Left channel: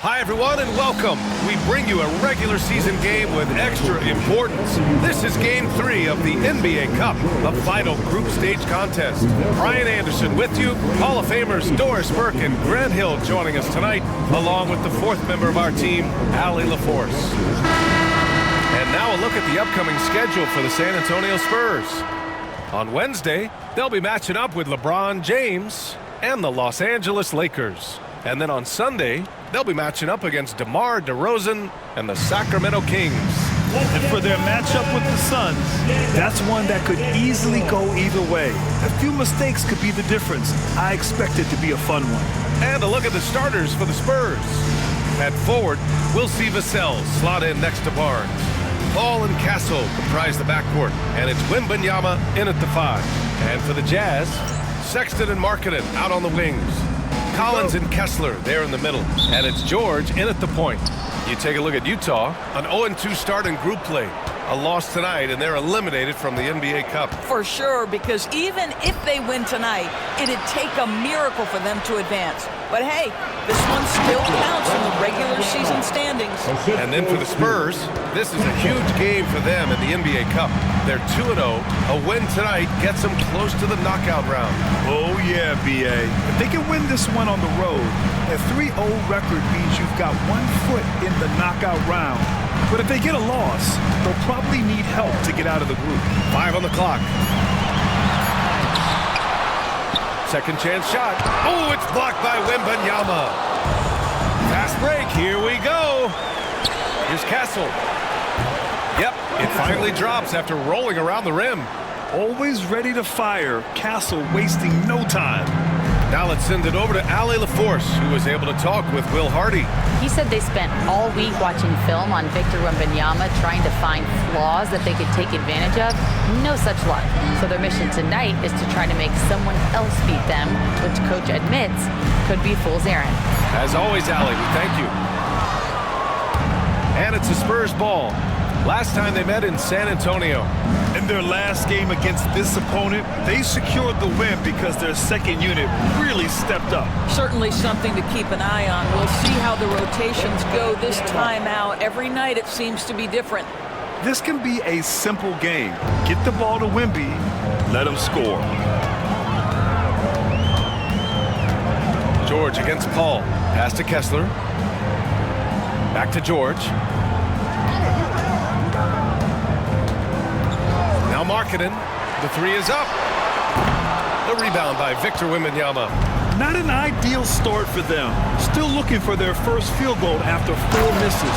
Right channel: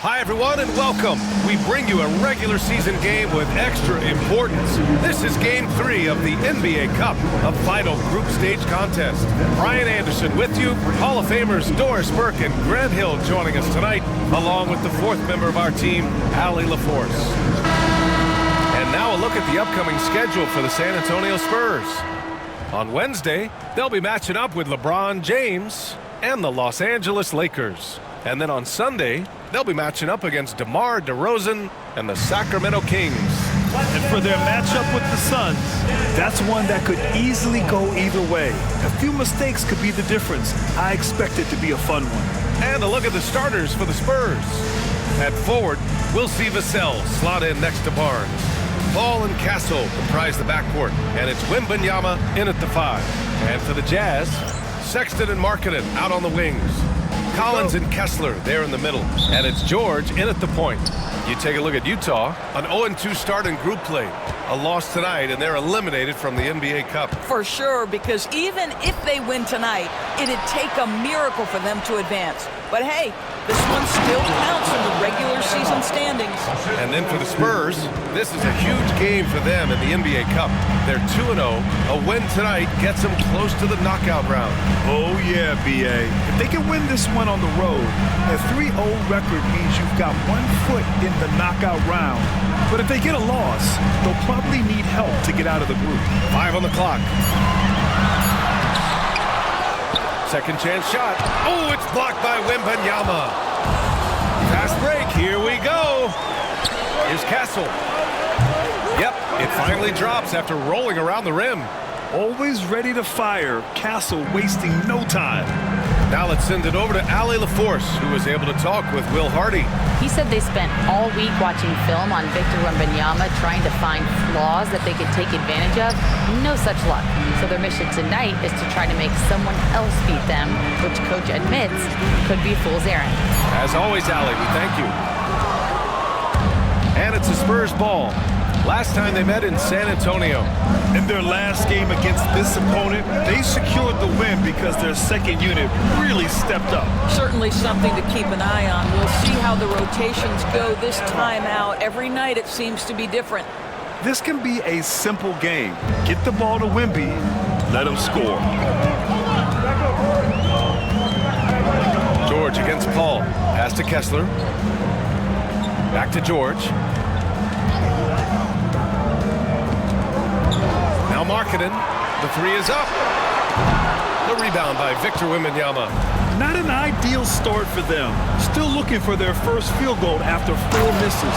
Hi everyone and welcome. We bring you a regular season game with extra importance. This is game 3 of the NBA Cup, a vital group stage contest. Brian Anderson with you, Hall of Famers Doris Burke and Grant Hill joining us tonight, along with the 4th member of our team, Allie LaForce. And now a look at the upcoming schedule for the San Antonio Spurs. On Wednesday, they'll be matching up with LeBron James and the Los Angeles Lakers. And then on Sunday, they'll be matching up against DeMar DeRozan and the Sacramento Kings. And for their matchup with the Suns, that's one that could easily go either way. A few mistakes could be the difference. I expect it to be a fun one. And a look at the starters for the Spurs. At forward, we'll see Vassell slot in next to Barnes. Paul and Castle comprise the backcourt, and it's Wembanyama in at the 5. And for the Jazz, Sexton and Markkanen out on the wings. Collins and Kessler there in the middle, and it's George in at the point. You take a look at Utah, an 0-2 start in group play. A loss tonight, and they're eliminated from the NBA Cup. For sure, because even if they win tonight, it'd take a miracle for them to advance. But hey, this one still counts in the regular season standings. And then for the Spurs, this is a huge game for them in the NBA Cup. They're 2-0. A win tonight gets them close to the knockout round. Oh yeah, B.A. If they can win this one on the road, a 3-0 record means you've got 1 foot in the knockout round. But if they get a loss, they'll probably need help to get out of the group. 5 on the clock. Second chance shot. Oh, it's blocked by Wembanyama. Fast break. Here we go. Here's Castle. Yep, it finally drops after rolling around the rim. Always ready to fire. Castle wasting no time. Now let's send it over to Allie LaForce, who was able to talk with Will Hardy. He said they spent all week watching film on Victor Wembanyama, trying to find flaws that they could take advantage of. No such luck. So their mission tonight is to try to make someone else beat them, which coach admits could be fool's errand. As always, Allie, we thank you. And it's a Spurs ball. Last time they met in San Antonio. In their last game against this opponent, they secured the win because their second unit really stepped up. Certainly something to keep an eye on. We'll see how the rotations go this time out. Every night it seems to be different. This can be a simple game. Get the ball to Wemby, let him score. George against Paul. Pass to Kessler. Back to George. Now Markkanen. The 3 is up. The rebound by Victor Wembanyama. Not an ideal start for them. Still looking for their first field goal after 4 misses.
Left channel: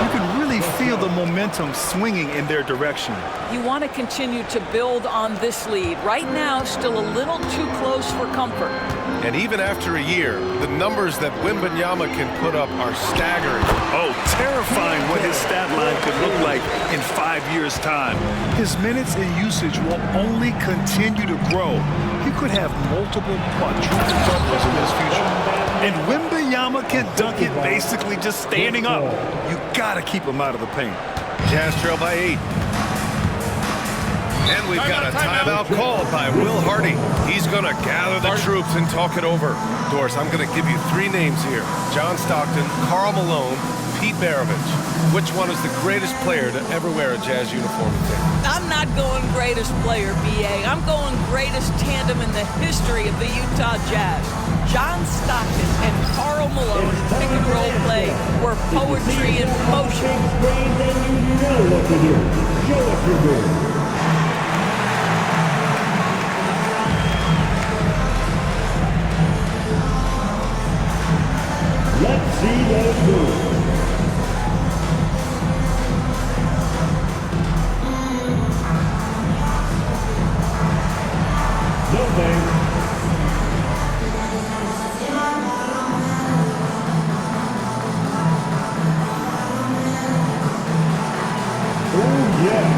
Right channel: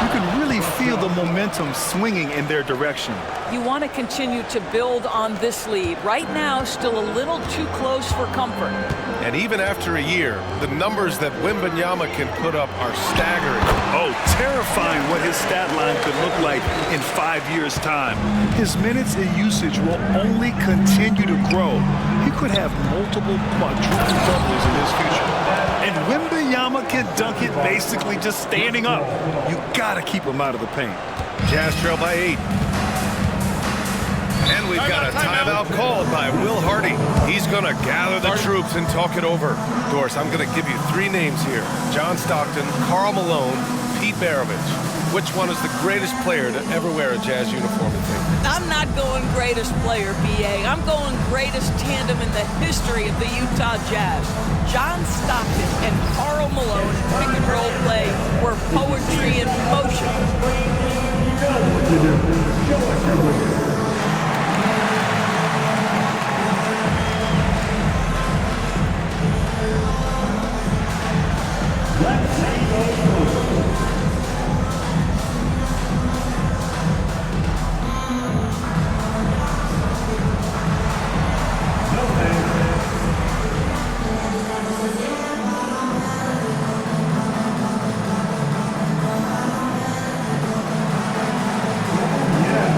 You can really feel the momentum swinging in their direction. You want to continue to build on this lead. Right now, still a little too close for comfort. And even after a year, the numbers that Wembanyama can put up are staggering. Oh, terrifying what his stat line could look like in 5 years' time. His minutes and usage will only continue to grow. He could have multiple quadruple doubles in his future. And Wembanyama can dunk it basically just standing up. You gotta keep him out of the paint. Jazz trail by 8. And we've got a timeout called by Will Hardy. He's going to gather the troops and talk it over. Doris, I'm going to give you 3 names here. John Stockton, Karl Malone, Pete Maravich. Which one is the greatest player to ever wear a Jazz uniform, you think? I'm not going greatest player, B.A. I'm going greatest tandem in the history of the Utah Jazz. John Stockton and Karl Malone in pick-and-roll play were poetry in motion. Show what you do. Show what you do. Let's see those moves. Nothing. Oh, yeah.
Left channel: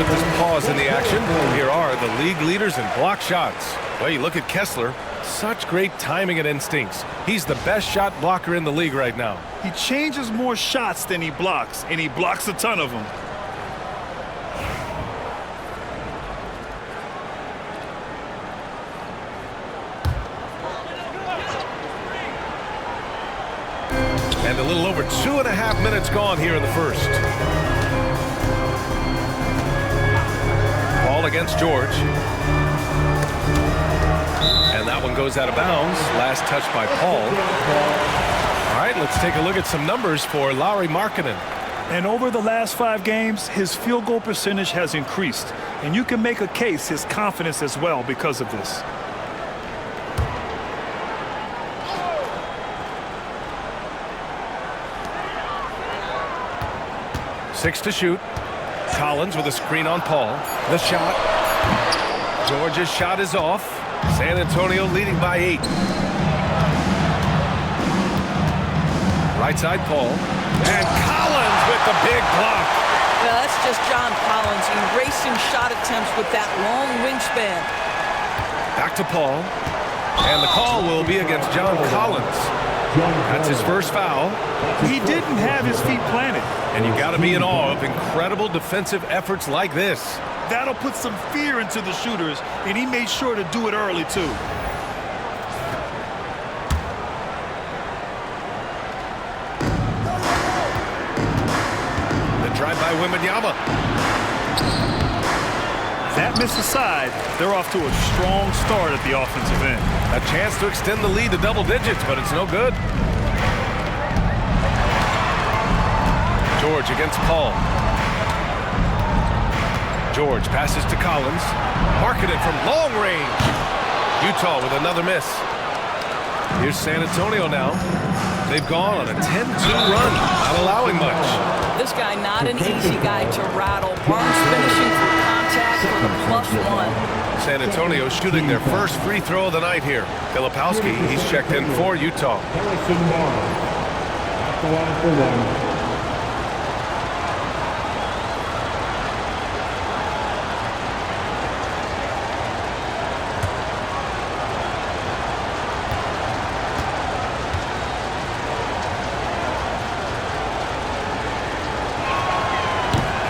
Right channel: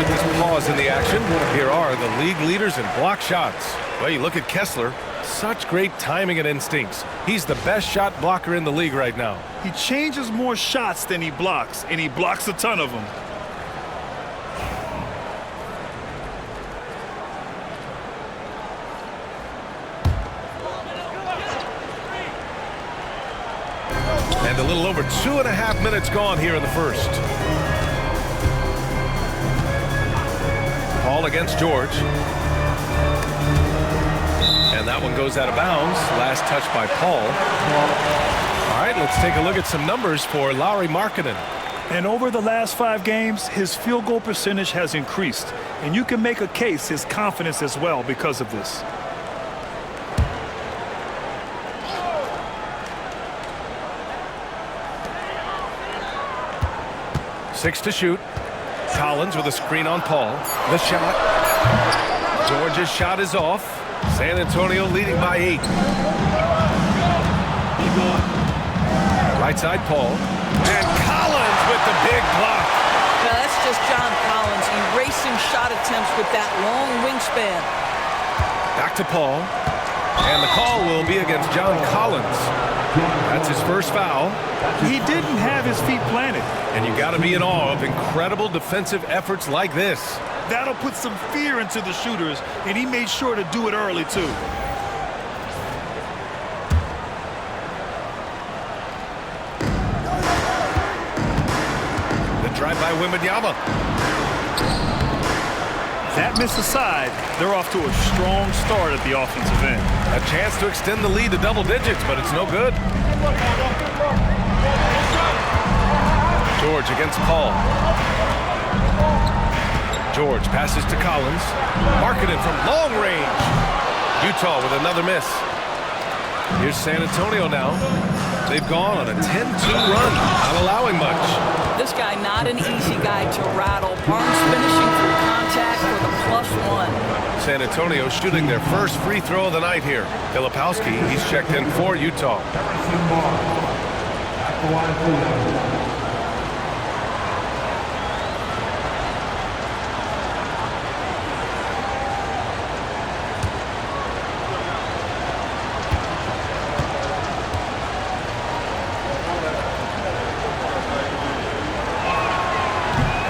with this pause in the action. Here are the league leaders in block shots. Well, you look at Kessler. Such great timing and instincts. He's the best shot blocker in the league right now. He changes more shots than he blocks, and he blocks a ton of them. And a little over 2.5 minutes gone here in the first. Paul against George. And that one goes out of bounds. Last touch by Paul. All right, let's take a look at some numbers for Lauri Markkanen. And over the last 5 games, his field goal percentage has increased. And you can make a case his confidence as well because of this. Six to shoot. Collins with a screen on Paul. The shot. George's shot is off. San Antonio leading by 8. Right side, Paul. And Collins with the big block. Now that's just John Collins erasing shot attempts with that long wingspan. Back to Paul. And the call will be against John Collins. That's his first foul. He didn't have his feet planted. And you got to be in awe of incredible defensive efforts like this. That'll put some fear into the shooters, and he made sure to do it early, too. The drive by Wembanyama. That miss aside, they're off to a strong start at the offensive end. A chance to extend the lead to double digits, but it's no good. George against Paul. George passes to Collins. Markkanen from long range. Utah with another miss. Here's San Antonio now. They've gone on a 10-2 run, not allowing much. This guy not an easy guy to rattle. Barnes finishing through contact for the +1. San Antonio shooting their first free throw of the night here. Filipowski, he's checked in for Utah. Harrison Barnes at the line for 1.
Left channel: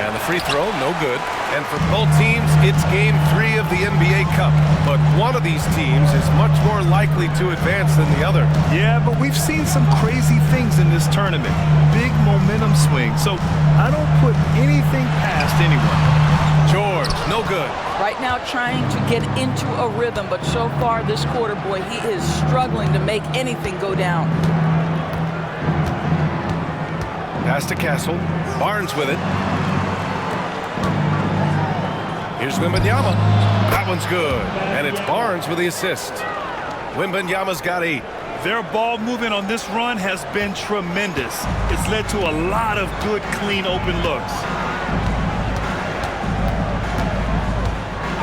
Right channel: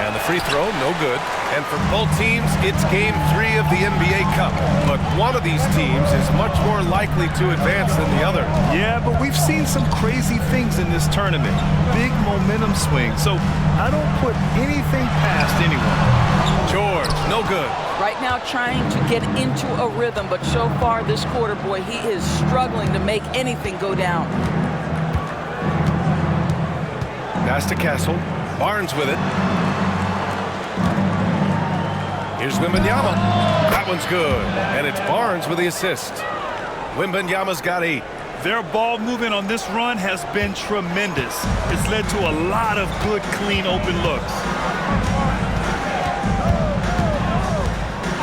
And the free throw, no good. And for both teams, it's game 3 of the NBA Cup. But one of these teams is much more likely to advance than the other. Yeah, but we've seen some crazy things in this tournament. Big momentum swing. So I don't put anything past anyone. George, no good. Right now trying to get into a rhythm, but so far this quarter, boy, he is struggling to make anything go down. Pass to Castle. Barnes with it. Here's Wembanyama. That one's good. And it's Barnes with the assist. Wembanyama's got 8. Their ball movement on this run has been tremendous. It's led to a lot of good, clean, open looks.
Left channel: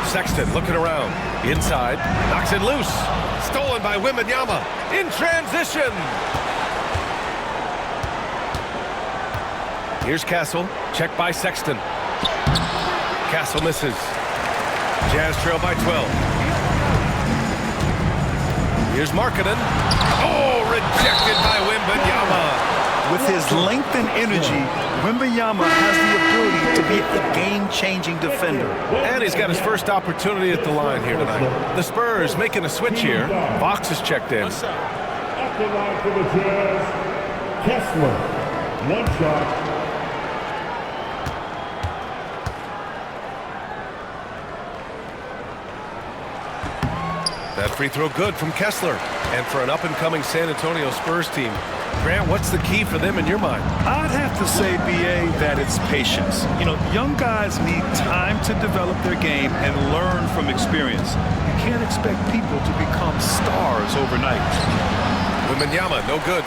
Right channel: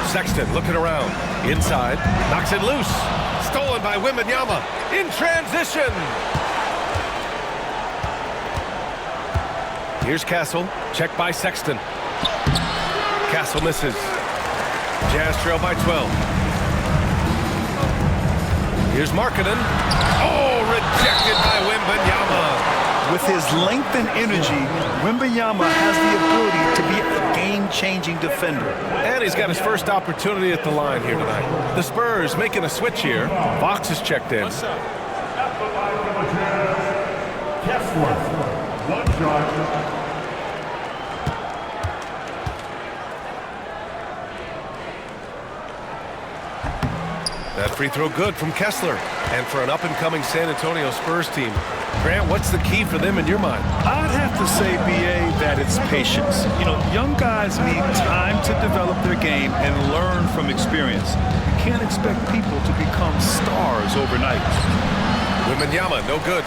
Sexton looking around. Inside. Knocks it loose. Stolen by Wembanyama. In transition. Here's Castle. Check by Sexton. Castle misses. Jazz trail by 12. Here's Markkanen. Oh, rejected by Wembanyama. With his length and energy, Wembanyama has the ability to be a game-changing defender. And he's got his first opportunity at the line here tonight. The Spurs making a switch here. Fox is checked in. At the line for the Jazz, Kessler. 1 shot. That free throw good from Kessler. And for an up-and-coming San Antonio Spurs team, Grant, what's the key for them in your mind? I'd have to say, B.A., that it's patience. You know, young guys need time to develop their game and learn from experience. You can't expect people to become stars overnight. Wembanyama, no good.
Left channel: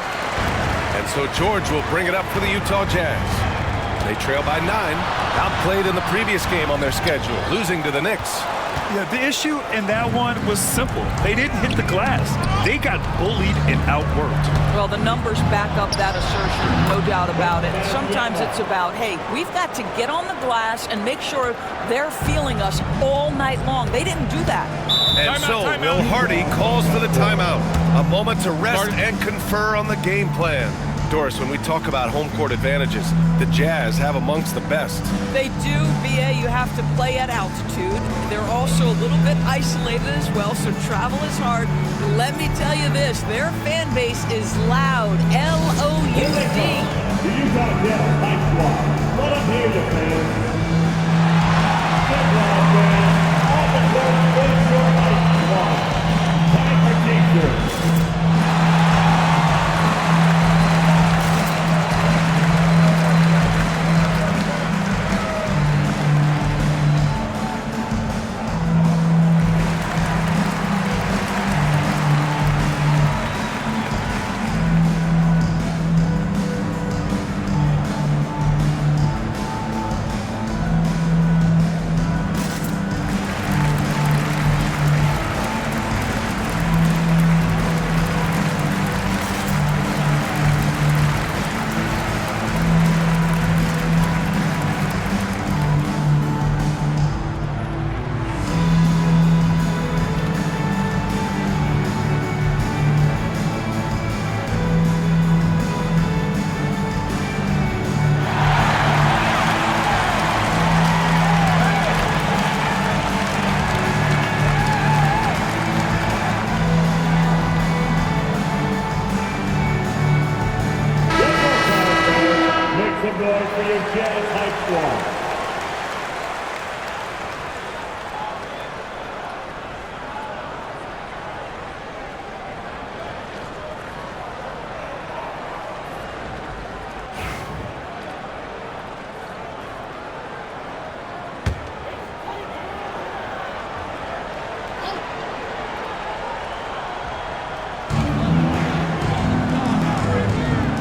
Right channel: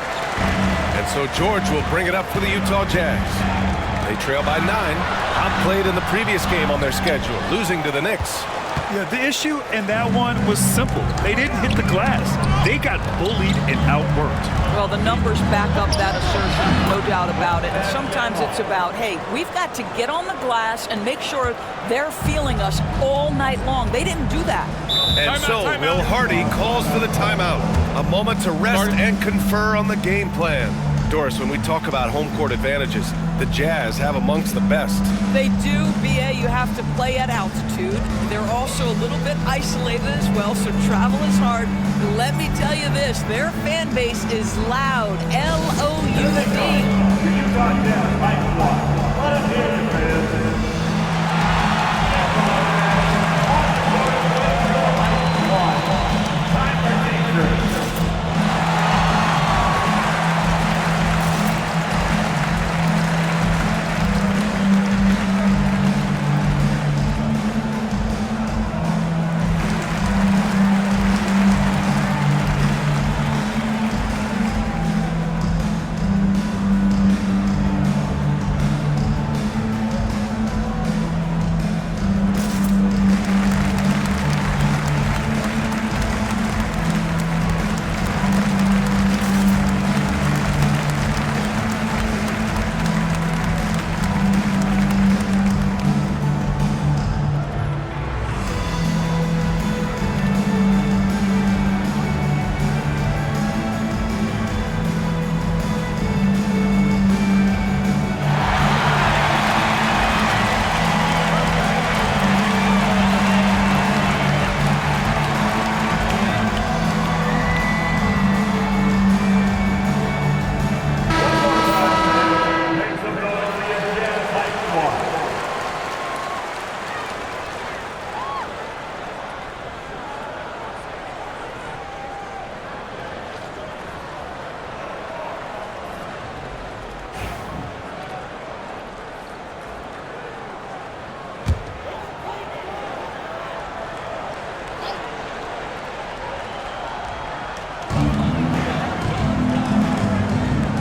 And so George will bring it up for the Utah Jazz. They trail by 9. Outplayed in the previous game on their schedule, losing to the Knicks. Yeah, the issue in that one was simple. They didn't hit the glass. They got bullied and outworked. Well, the numbers back up that assertion, no doubt about it. And sometimes it's about, hey, we've got to get on the glass and make sure they're feeling us all night long. They didn't do that. And so Will Hardy calls for the timeout. A moment to rest and confer on the game plan. Doris, when we talk about home court advantages, the Jazz have amongst the best. They do, B.A. You have to play at altitude. They're also a little bit isolated as well, so travel is hard. But let me tell you this, their fan base is loud, L-O-U-D. The Utah Jazz high squad. Let them hear you, fans. Get on, fans. On the court, Utah high squad. Time for t-shirts.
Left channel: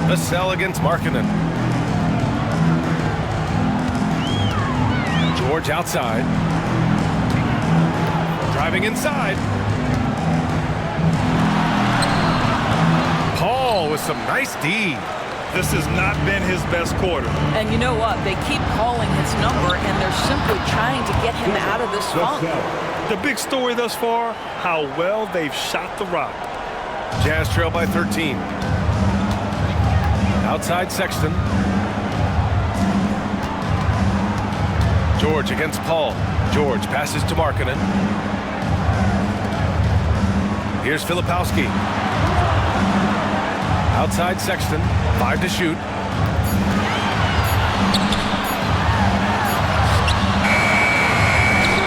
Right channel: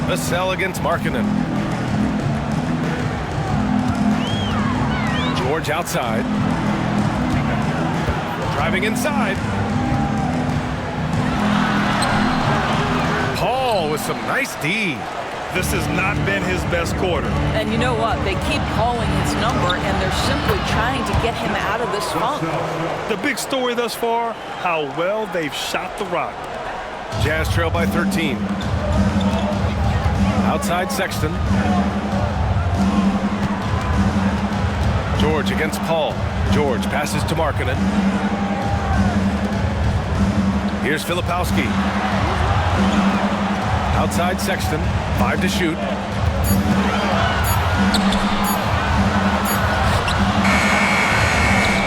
The sell against Markkanen. George outside. Driving inside. Paul with some nice D. This has not been his best quarter. And you know what? They keep calling his number, and they're simply trying to get him out of this funk. The big story thus far, how well they've shot the rock. Jazz trail by 13. Outside Sexton. George against Paul. George passes to Markkanen. Here's Filipowski. Outside Sexton. 5 to shoot.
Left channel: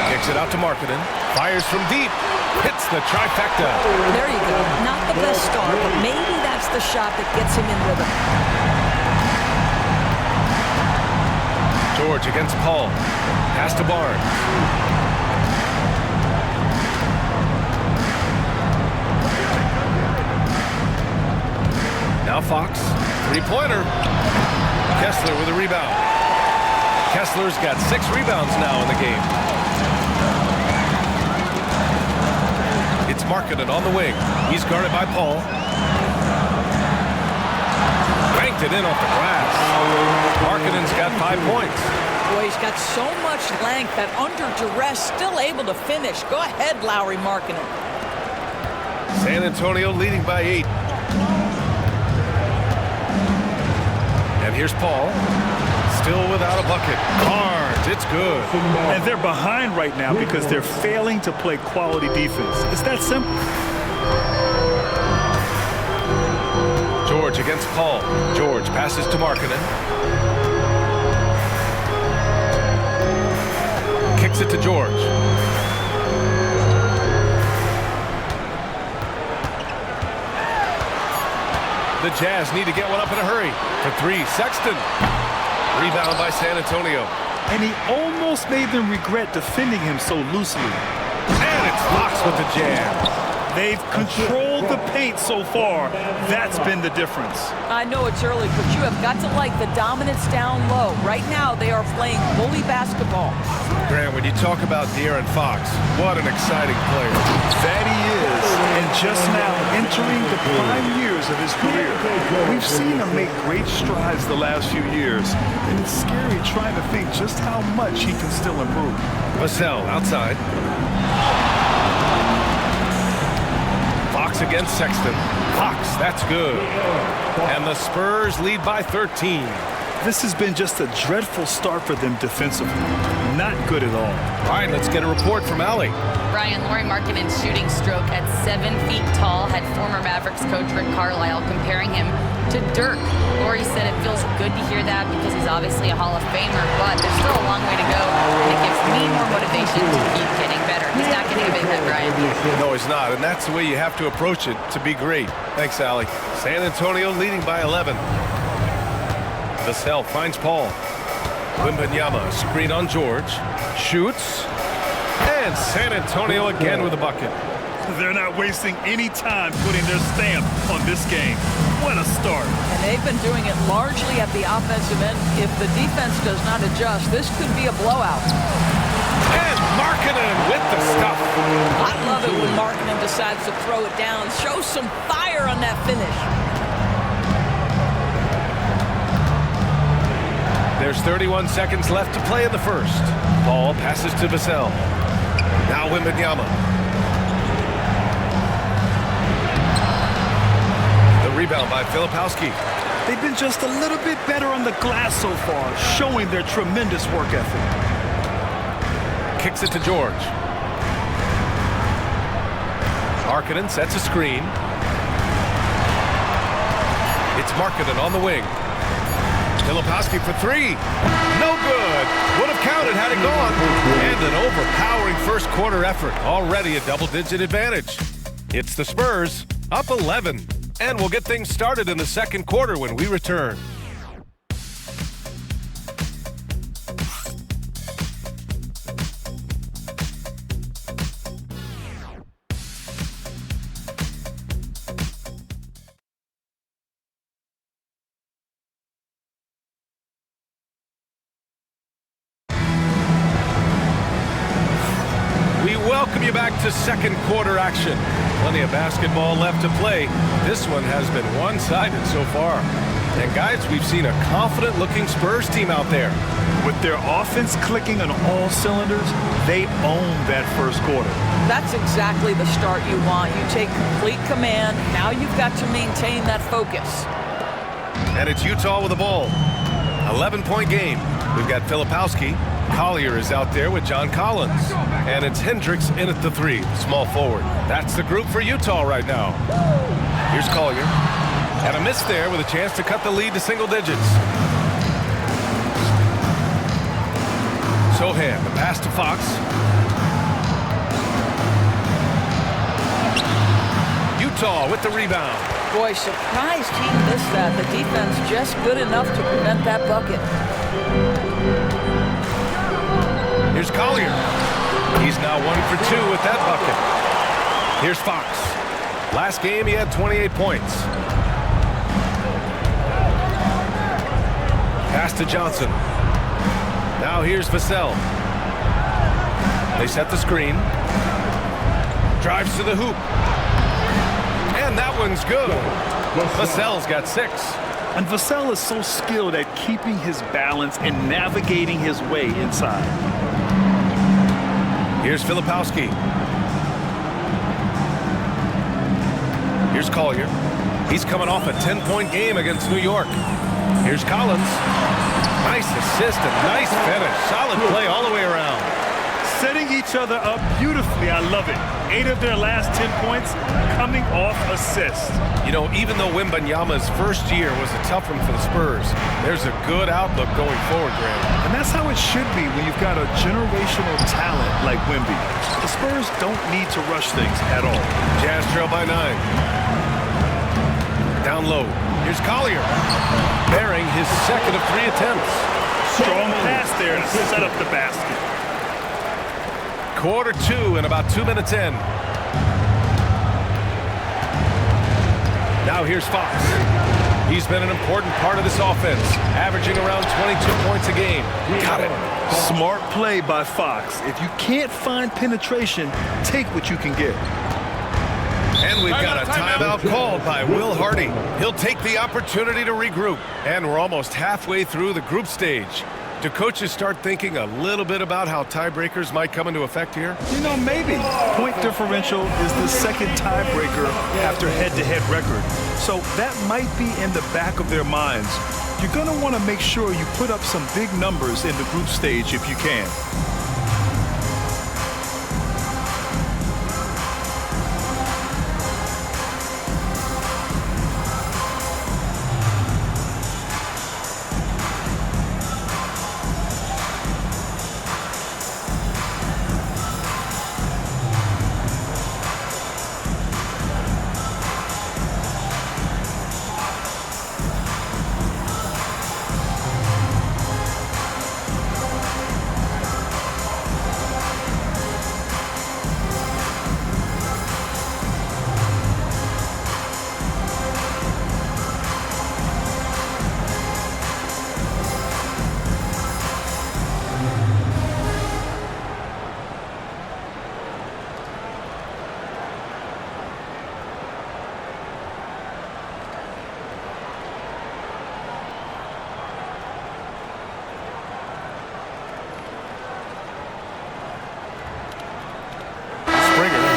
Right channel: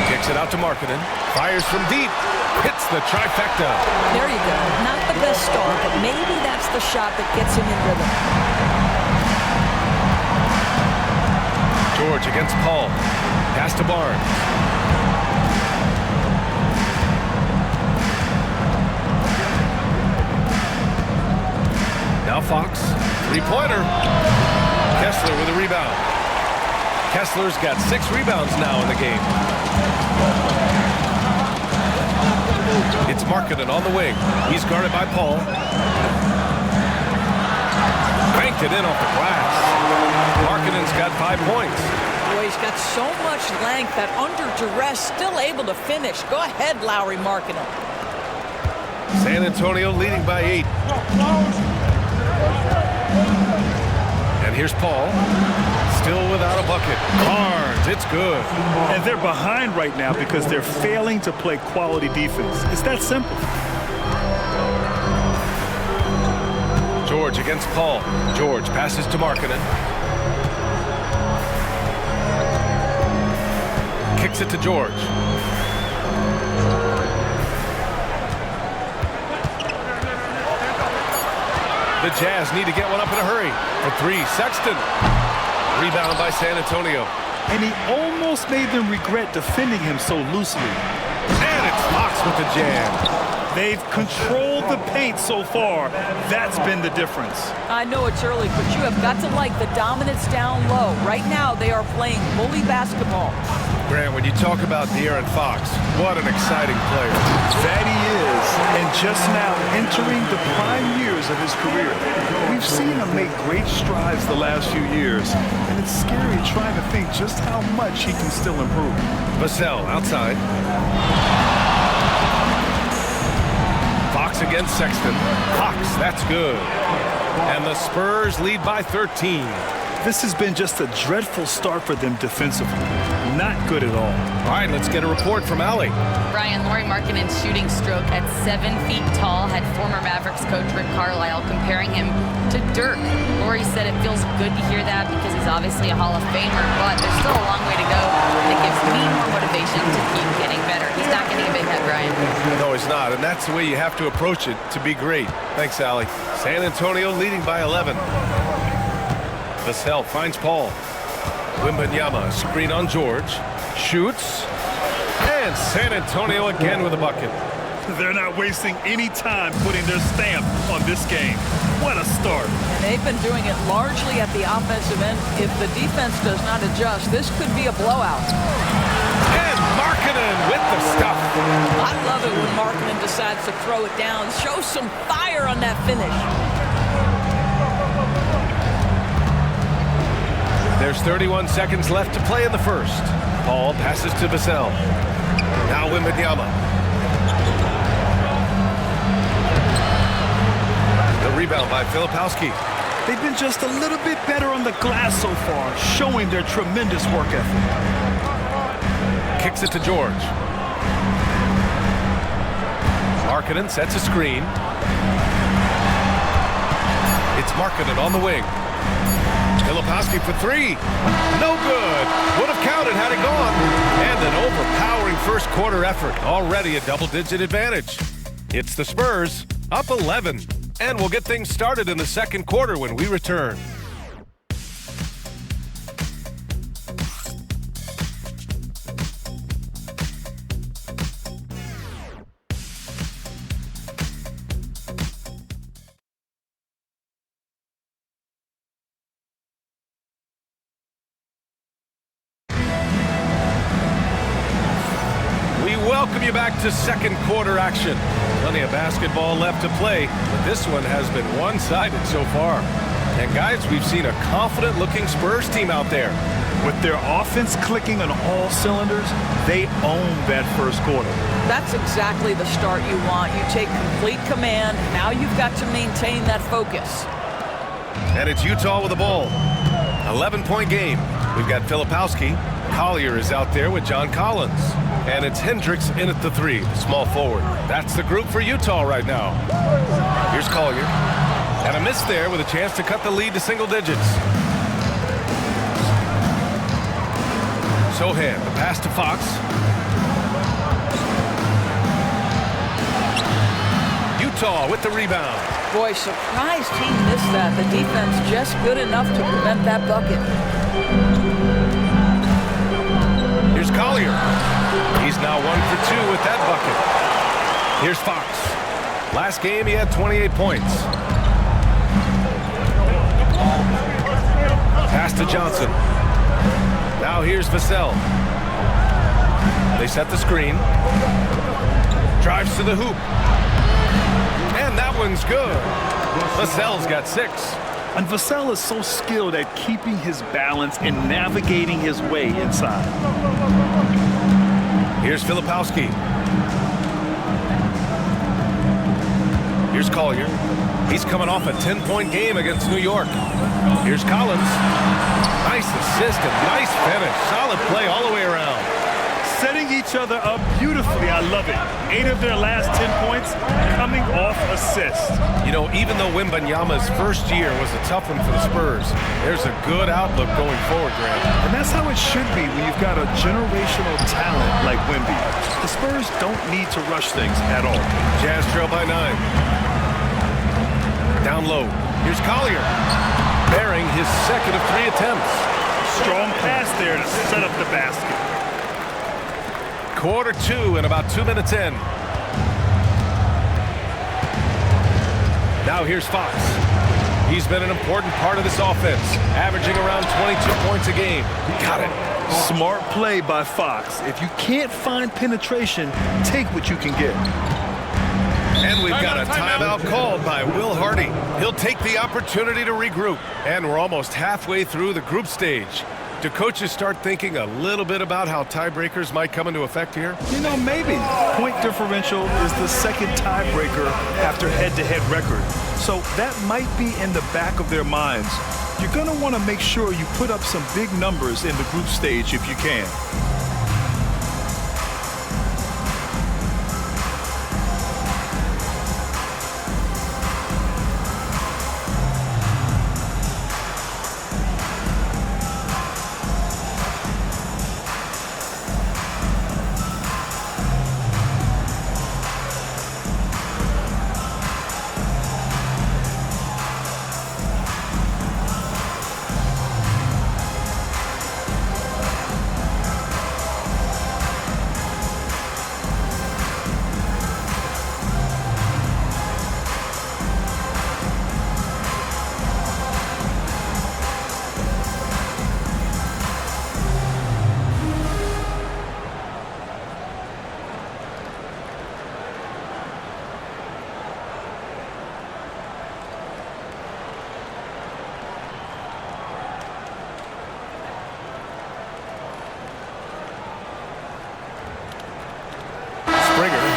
Kicks it out to Markkanen. Fires from deep. Hits the trifecta. There you go. Not the best start, but maybe that's the shot that gets him in rhythm. George against Paul. Pass to Barnes. Now Fox. Three-pointer. Kessler with a rebound. Kessler's got 6 rebounds now in the game. It's Markkanen on the wing. He's guarded by Paul. Banked it in off the glass. Markkanen's got 5 points. Boy, he's got so much length that under duress, still able to finish. Go ahead, Lauri Markkanen. San Antonio leading by 8. And here's Paul. Still without a bucket. Barnes, it's good. And they're behind right now because they're failing to play quality defense. It's that simple. George against Paul. George passes to Markkanen. Kicks it to George. The Jazz need to get one up in a hurry. For 3, Sexton. Rebound by San Antonio. And he almost made them regret defending him so loosely. And it's Fox with the jam. They've controlled the paint so far. That's been the difference. I know it's early, but you have got to like the dominance down low. Right now, they are playing bully basketball. Grant, when you talk about De'Aaron Fox, what an exciting player. That he is, and just now entering the prime years of his career. We've seen him make great strides the last few years, and it's scary trying to think just how much he can still improve. Vassell outside. Fox against Sexton. Fox, that's good. And the Spurs lead by 13. This has been just a dreadful start for them defensively. Not good at all. All right, let's get a report from Allie. Brian, Lauri Markkanen's shooting stroke at 7 feet tall had former Mavericks coach Rick Carlisle comparing him to Dirk. Lauri said it feels good to hear that because he's obviously a Hall of Famer, but there's still a long way to go, and it gives me more motivation to keep getting better. He's not getting a big head, Brian. No, he's not, and that's the way you have to approach it to be great. Thanks, Allie. San Antonio leading by 11. Vassell finds Paul. Wembanyama, screen on George. Shoots. And San Antonio again with a bucket. They're not wasting any time putting their stamp on this game. What a start. And they've been doing it largely at the offensive end. If the defense does not adjust, this could be a blowout. And Markkanen with the stuff. I love it when Markkanen decides to throw it down. Show some fire on that finish. There's 31 seconds left to play in the first. Paul passes to Vassell. Now Wembanyama. The rebound by Filipowski. They've been just a little bit better on the glass so far, showing their tremendous work ethic. Kicks it to George. Markkanen sets a screen. It's Markkanen on the wing. Filipowski for three. No good. Would have counted had it gone. And an overpowering first quarter effort. Already a double-digit advantage. It's the Spurs up 11. And we'll get things started in the second quarter when we return. We welcome you back to second quarter action. Plenty of basketball left to play, but this one has been one-sided so far. And guys, we've seen a confident-looking Spurs team out there. With their offense clicking on all cylinders, they own that first quarter. That's exactly the start you want. You take complete command. Now you've got to maintain that focus. And it's Utah with the ball. 11-point game. We've got Filipowski. Collier is out there with John Collins. And it's Hendricks in at the three, the small forward. That's the group for Utah right now. Here's Collier. And a miss there with a chance to cut the lead to single digits. Sohan, the pass to Fox. Utah with the rebound. Boy, surprised he missed that. The defense just good enough to prevent that bucket. Here's Collier. He's now 1 for 2 with that bucket. Here's Fox. Last game, he had 28 points. Pass to Johnson. Now here's Vassell. They set the screen. Drives to the hoop. And that one's good. Vassell's got 6. And Vassell is so skilled at keeping his balance and navigating his way inside. Here's Filipowski. Here's Collier. He's coming off a 10-point game against New York. Here's Collins. Nice assist and nice finish. Solid play all the way around. Setting each other up beautifully. I love it. 8 of their last 10 points coming off assists. You know, even though Wembanyama's first year was a tough one for the Spurs, there's a good outlook going forward, Graham. And that's how it should be when you've got a generational talent like Wemby. The Spurs don't need to rush things at all. Jazz trail by 9. Down low. Here's Collier. Bearing his second of 3 attempts. Strong pass there to set up the basket. Quarter 2 and about 2 minutes in. Now here's Fox. He's been an important part of this offense, averaging around 22 points a game. Got it. Smart play by Fox. If you can't find penetration, take what you can get. And we've got a timeout called by Will Hardy. He'll take the opportunity to regroup. And we're almost halfway through the group stage. Do coaches start thinking a little bit about how tiebreakers might come into effect here? You know, maybe. Point differential is the second tiebreaker after head-to-head record. So that might be in the back of their minds. You're going to want to make sure you put up some big numbers in the group stage if you can.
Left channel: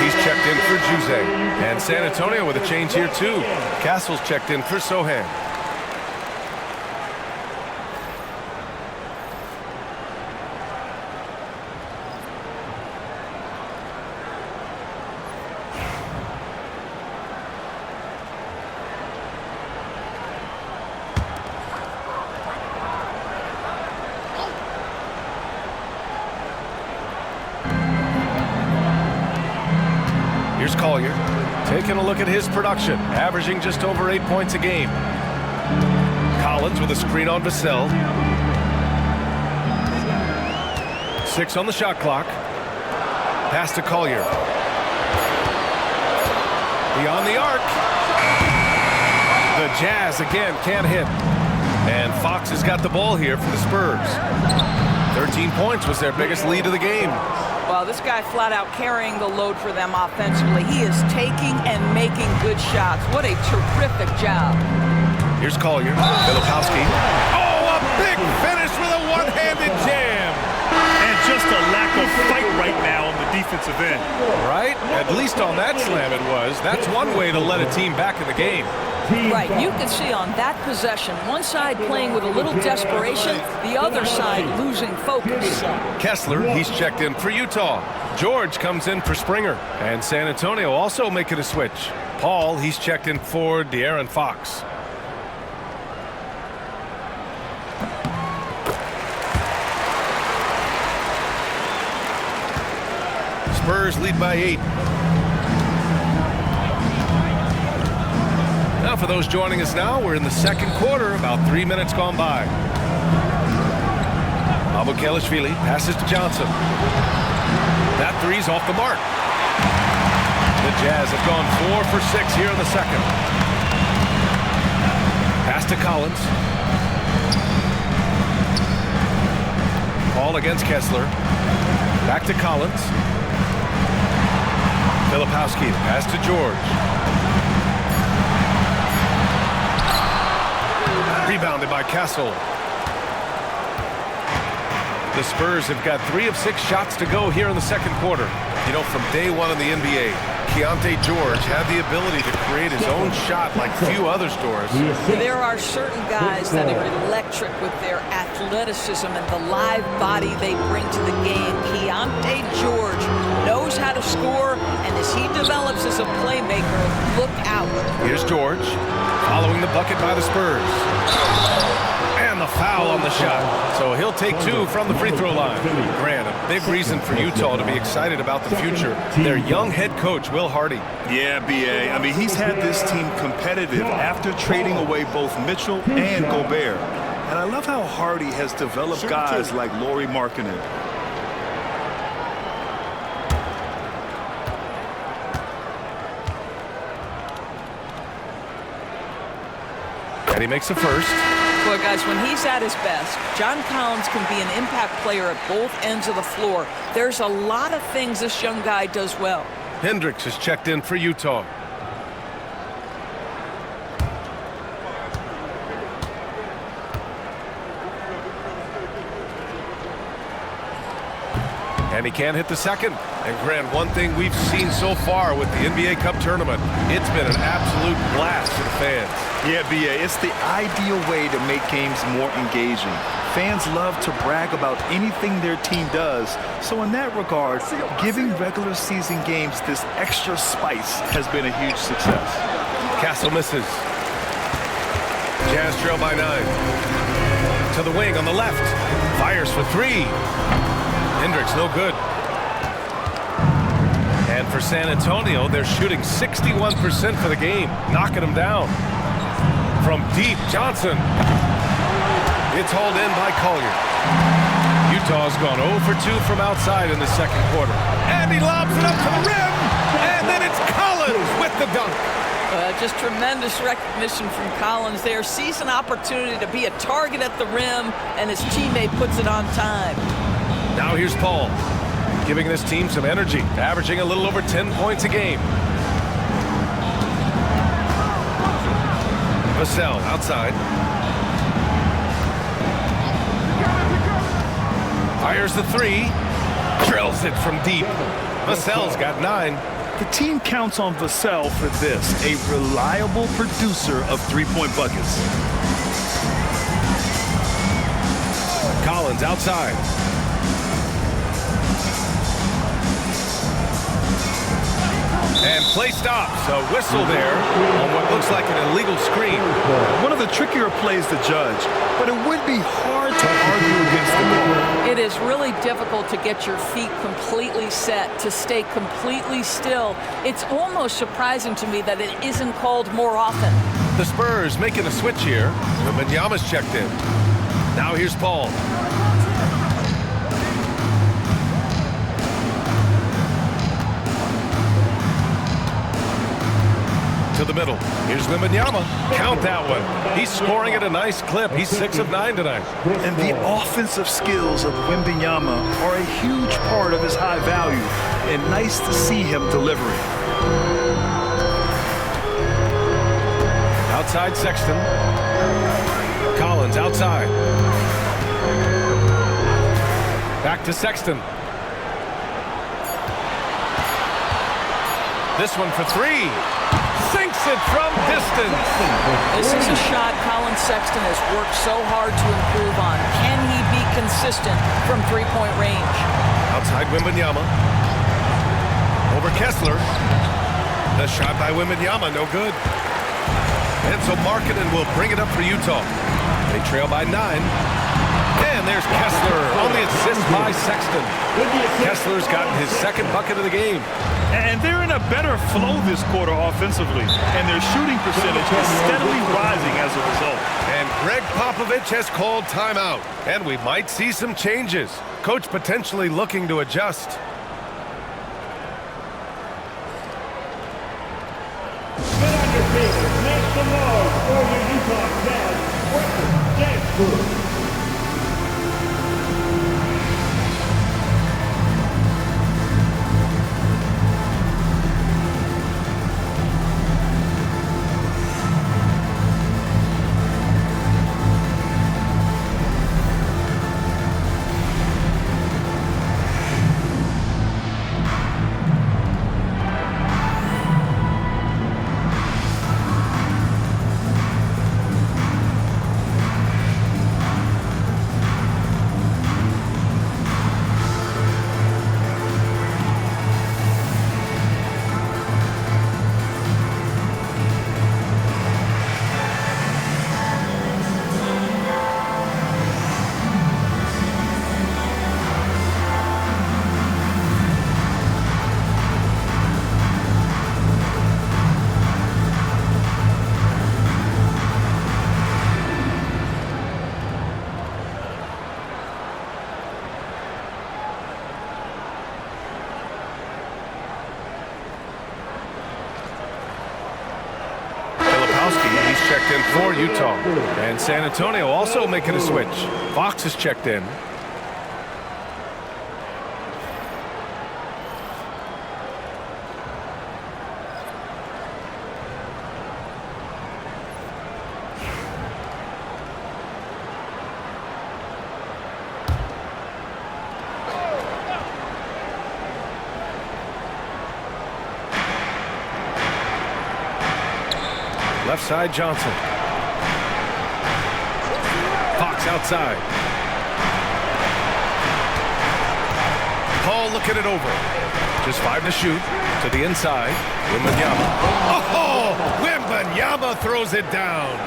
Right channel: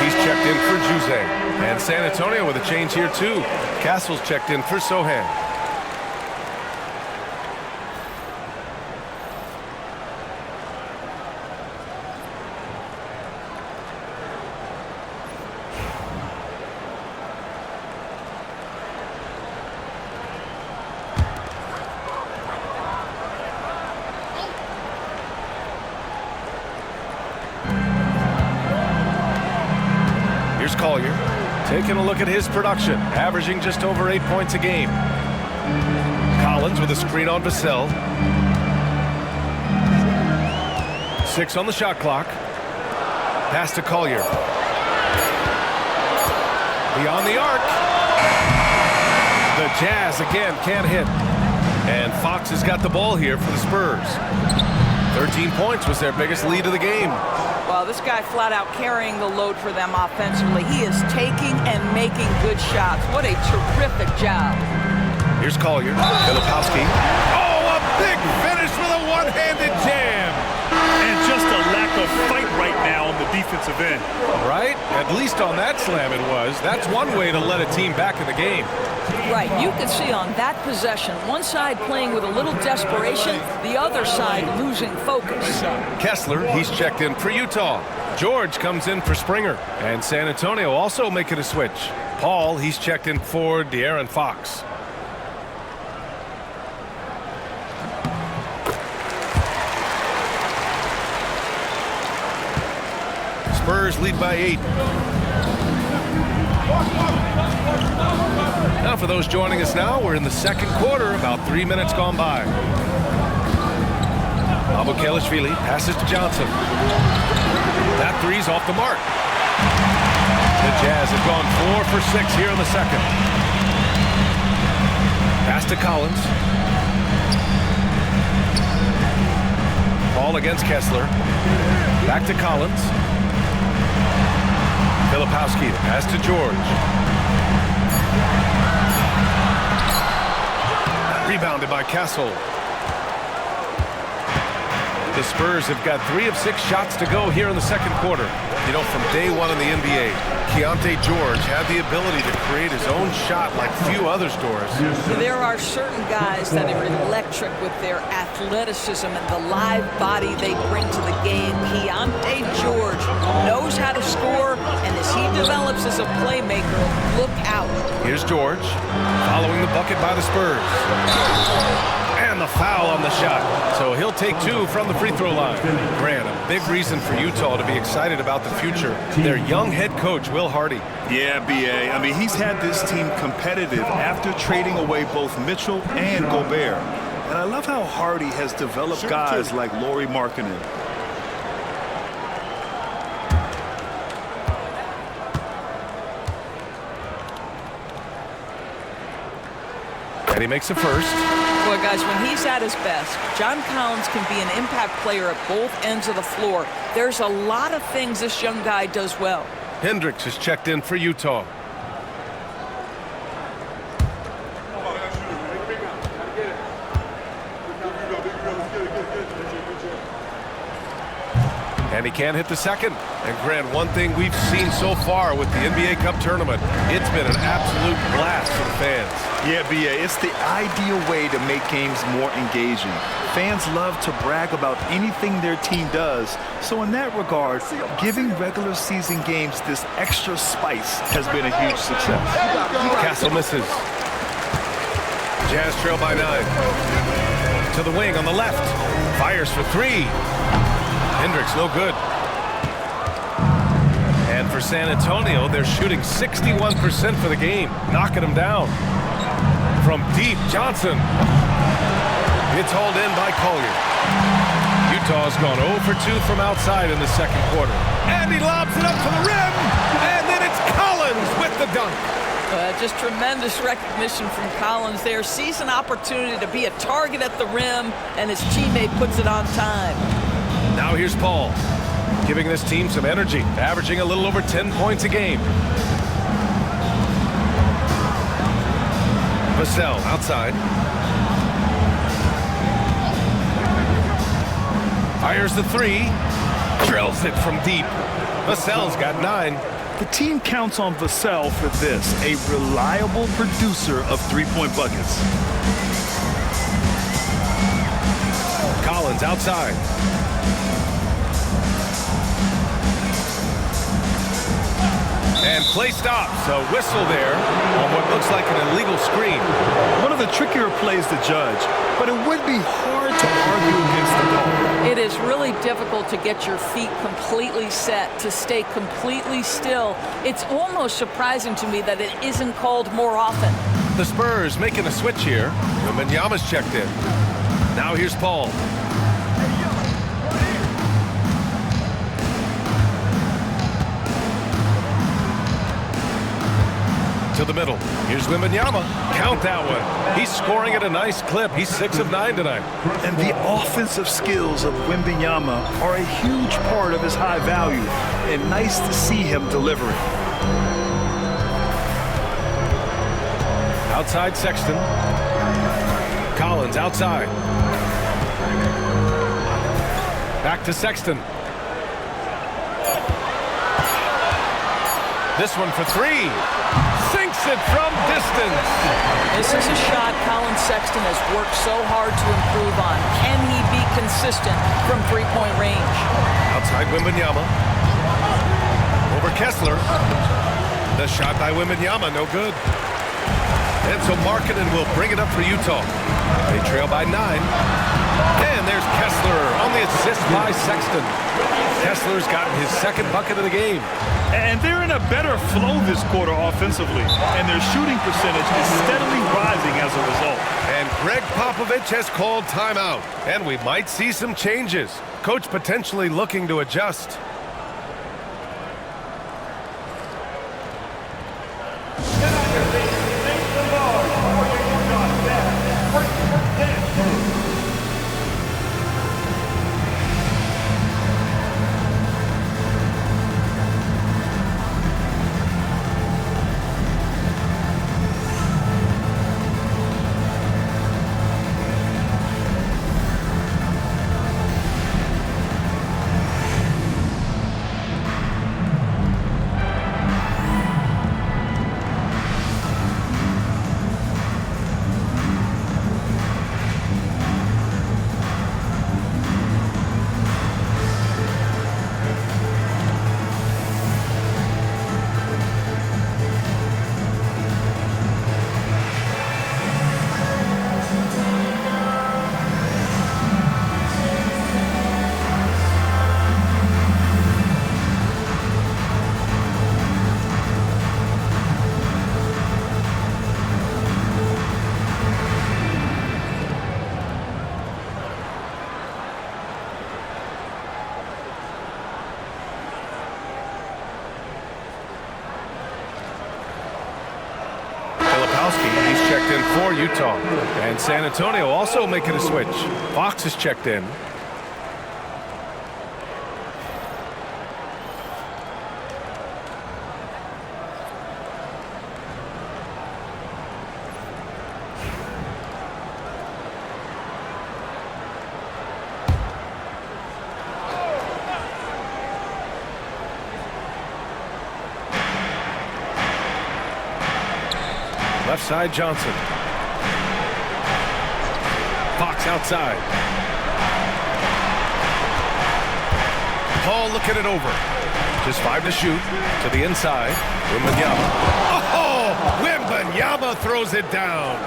He's checked in for Juzang. And San Antonio with a change here, too. Castle's checked in for Sohan. Here's Collier, taking a look at his production, averaging just over 8 points a game. Collins with a screen on Vassell. 6 on the shot clock. Pass to Collier. Beyond the arc. The Jazz again can't hit. And Fox has got the ball here for the Spurs. 13 points was their biggest lead of the game. Well, this guy flat out carrying the load for them offensively. He is taking and making good shots. What a terrific job. Here's Collier. Filipowski. Oh, a big finish with a one-handed jam. And just a lack of fight right now on the defensive end. Right? At least on that slam it was. That's one way to let a team back in the game. Right, you can see on that possession, one side playing with a little desperation, the other side losing focus. Kessler, he's checked in for Utah. George comes in for Springer. And San Antonio also making a switch. Paul, he's checked in for De'Aaron Fox. Spurs lead by 8. Now for those joining us now, we're in the second quarter, about 3 minutes gone by. Abukelashvili passes to Johnson. That three's off the mark. The Jazz have gone 4 for 6 here in the second. Pass to Collins. Paul against Kessler. Back to Collins. Filipowski, the pass to George. Rebounded by Castle. The Spurs have got 3 of 6 shots to go here in the second quarter. You know, from day one in the NBA, Keontae George had the ability to create his own shot like few others, Doris. There are certain guys that are electric with their athleticism and the live body they bring to the game. Keontae George knows how to score, and as he develops as a playmaker, look out. Here's George, following the bucket by the Spurs. And the foul on the shot. So he'll take 2 from the free throw line. Grant, a big reason for Utah to be excited about the future. Their young head coach, Will Hardy. Yeah, B.A. I mean, he's had this team competitive after trading away both Mitchell and Gobert. And I love how Hardy has developed guys like Lauri Markkanen. And he makes the first. Boy, guys, when he's at his best, John Collins can be an impact player at both ends of the floor. There's a lot of things this young guy does well. Hendricks is checked in for Utah. And he can't hit the second. And Grant, one thing we've seen so far with the NBA Cup tournament, it's been an absolute blast for the fans. Yeah, B.A., it's the ideal way to make games more engaging. Fans love to brag about anything their team does. So in that regard, giving regular season games this extra spice has been a huge success. Castle misses. Jazz trail by 9. To the wing on the left. Fires for 3. Hendricks, no good. And for San Antonio, they're shooting 61% for the game, knocking them down. From deep, Johnson. It's hauled in by Collier. Utah's gone 0 for 2 from outside in the second quarter. And he lobs it up to the rim. And then it's Collins with the dunk. Just tremendous recognition from Collins there. Sees an opportunity to be a target at the rim, and his teammate puts it on time. Now here's Paul, giving this team some energy, averaging a little over 10 points a game. Vassell outside. Fires the 3. Drills it from deep. Vassell's got 9. The team counts on Vassell for this, a reliable producer of three-point buckets. Collins outside. And play stops. A whistle there on what looks like an illegal screen. One of the trickier plays to judge, but it would be hard to argue against the call. It is really difficult to get your feet completely set, to stay completely still. It's almost surprising to me that it isn't called more often. The Spurs making a switch here. Wembanyama's checked in. Now here's Paul. To the middle. Here's Wembanyama. Count that one. He's scoring at a nice clip. He's 6 of 9 tonight. And the offensive skills of Wembanyama are a huge part of his high value, and nice to see him delivering. Outside Sexton. Collins outside. Back to Sexton. This one for 3. Sinks it from distance. This is a shot Colin Sexton has worked so hard to improve on. Can he be consistent from three-point range? Outside Wembanyama. Over Kessler. The shot by Wembanyama, no good. And so Markkanen will bring it up for Utah. They trail by 9. And there's Kessler on the assist by Sexton. Kessler's gotten his second bucket of the game. And they're in a better flow this quarter offensively, and their shooting percentage is steadily rising as a result. And Greg Popovich has called timeout, and we might see some changes. Coach potentially looking to adjust. Get on your feet. Make some noise for the Utah Jazz. Break dance crew. Filipowski, he's checked in for Utah. And San Antonio also making a switch. Fox is checked in. Left side, Johnson. Fox outside. Paul looking it over. Just 5 to shoot. To the inside. Wembanyama. Oh! Wembanyama throws it down.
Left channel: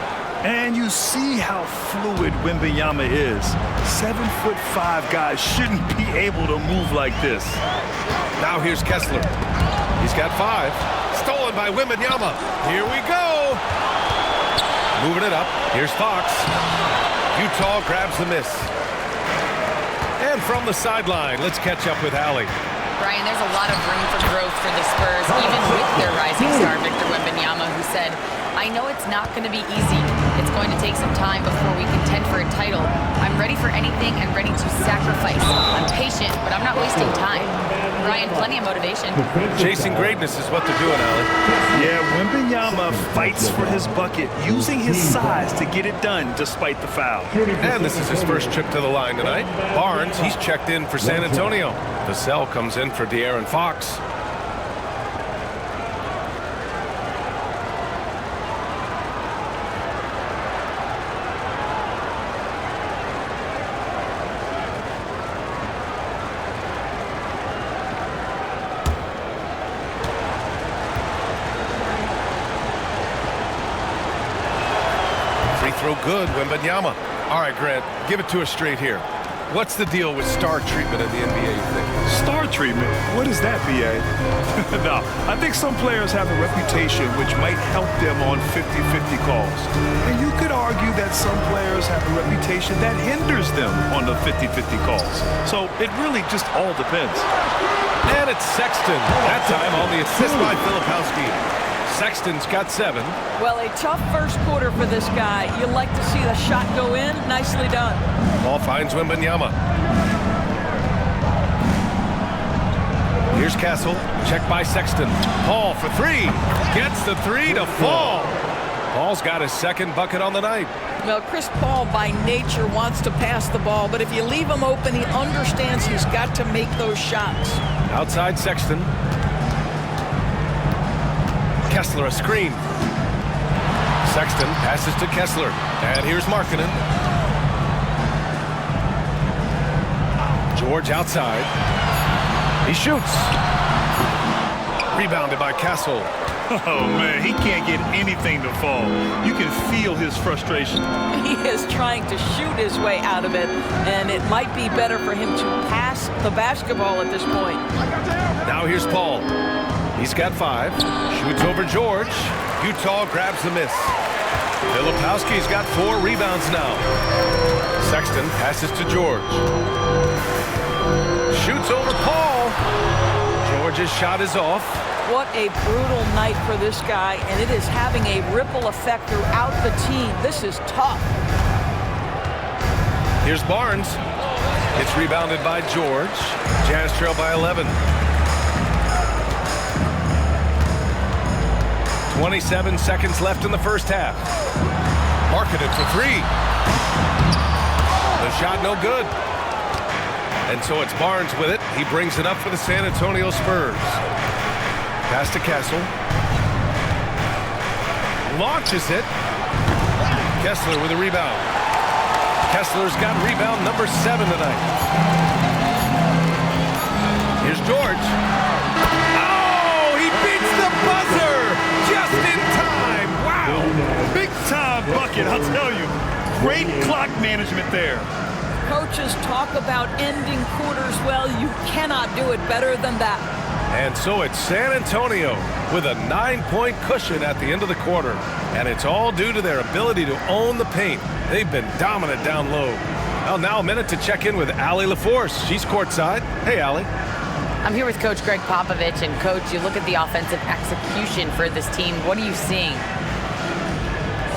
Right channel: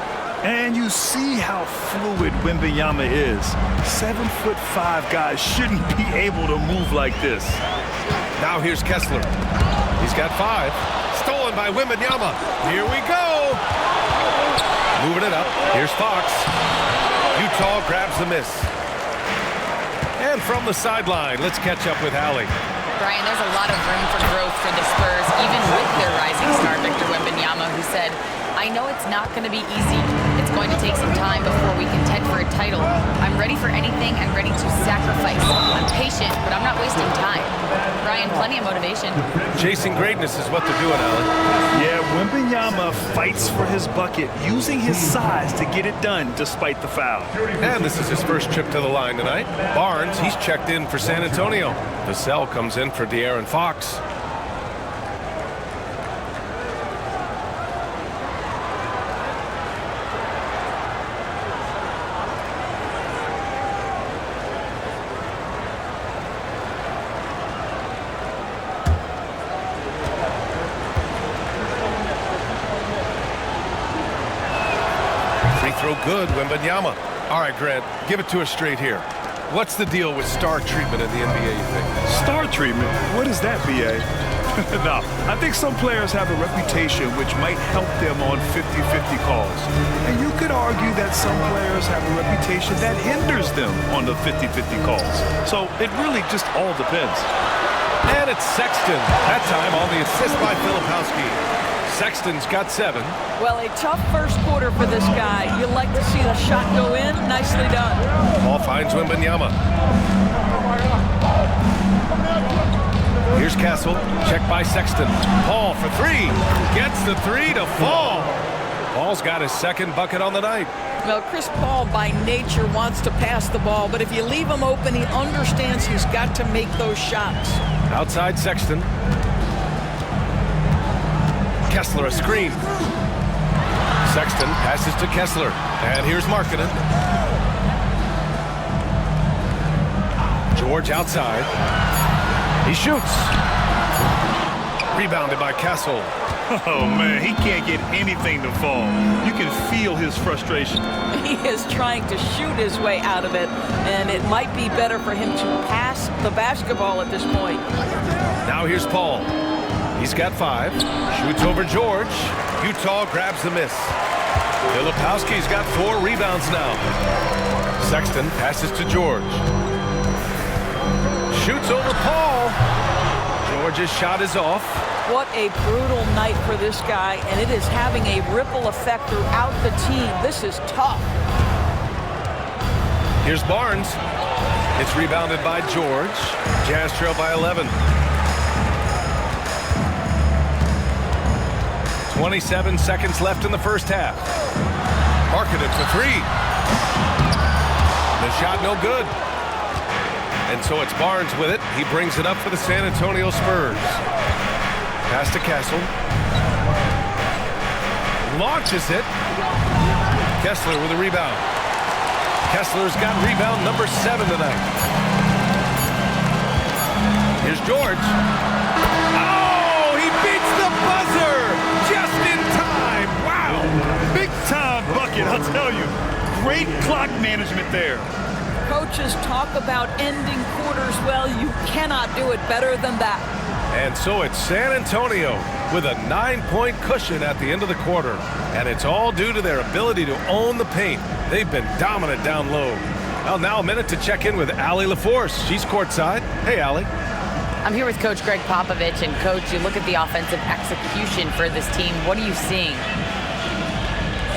And you see how fluid Wembanyama is. 7'5" guys shouldn't be able to move like this. Now here's Kessler. He's got 5. Stolen by Wembanyama. Here we go. Moving it up. Here's Fox. Utah grabs the miss. And from the sideline, let's catch up with Allie. Brian, there's a lot of room for growth for the Spurs, even with their rising star, Victor Wembanyama, who said, "I know it's not going to be easy. It's going to take some time before we contend for a title. I'm ready for anything and ready to sacrifice. I'm patient, but I'm not wasting time." Brian, plenty of motivation. Chasing greatness is what they're doing, Allie. Yeah, Wembanyama fights for his bucket, using his size to get it done despite the foul. And this is his first trip to the line tonight. Barnes, he's checked in for San Antonio. Vassell comes in for De'Aaron Fox. Free throw good, Wembanyama. All right, Grant, give it to us straight here. What's the deal with star treatment in the NBA, you think? Star treatment? What is that, B.A.? No, I think some players have a reputation which might help them on 50-50 calls. And you could argue that some players have a reputation that hinders them on the 50-50 calls. So it really just all depends. And it's Sexton. That time on the assist by Filipowski. Sexton's got 7. Well, a tough first quarter for this guy. You like to see the shot go in. Nicely done. Ball finds Wembanyama. Here's Castle. Check by Sexton. Paul for 3. Gets the 3 to fall. Paul's got his second bucket on the night. Well, Chris Paul by nature wants to pass the ball, but if you leave him open, he understands he's got to make those shots. Outside Sexton. Kessler a screen. Sexton passes to Kessler. And here's Markkanen. George outside. He shoots. Rebounded by Castle. Oh, man, he can't get anything to fall. You can feel his frustration. He is trying to shoot his way out of it, and it might be better for him to pass the basketball at this point. Now here's Paul. He's got 5. Shoots over George. Utah grabs the miss. Filipowski's got 4 rebounds now. Sexton passes to George. Shoots over Paul. George's shot is off. What a brutal night for this guy, and it is having a ripple effect throughout the team. This is tough. Here's Barnes. It's rebounded by George. Jazz trail by 11. 27 seconds left in the first half. Markkanen for 3. The shot no good. And so it's Barnes with it. He brings it up for the San Antonio Spurs. Pass to Castle. Launches it. Kessler with a rebound. Kessler's got rebound number 7 tonight. Here's George. Oh, he beats the buzzer just in time. Wow. Big time bucket, I'll tell you. Great clock management there. Coaches talk about ending quarters well. You cannot do it better than that. And so it's San Antonio with a 9-point cushion at the end of the quarter. And it's all due to their ability to own the paint. They've been dominant down low. Well, now a minute to check in with Allie LaForce. She's courtside. Hey, Allie. I'm here with Coach Greg Popovich. And, Coach, you look at the offensive execution for this team. What are you seeing?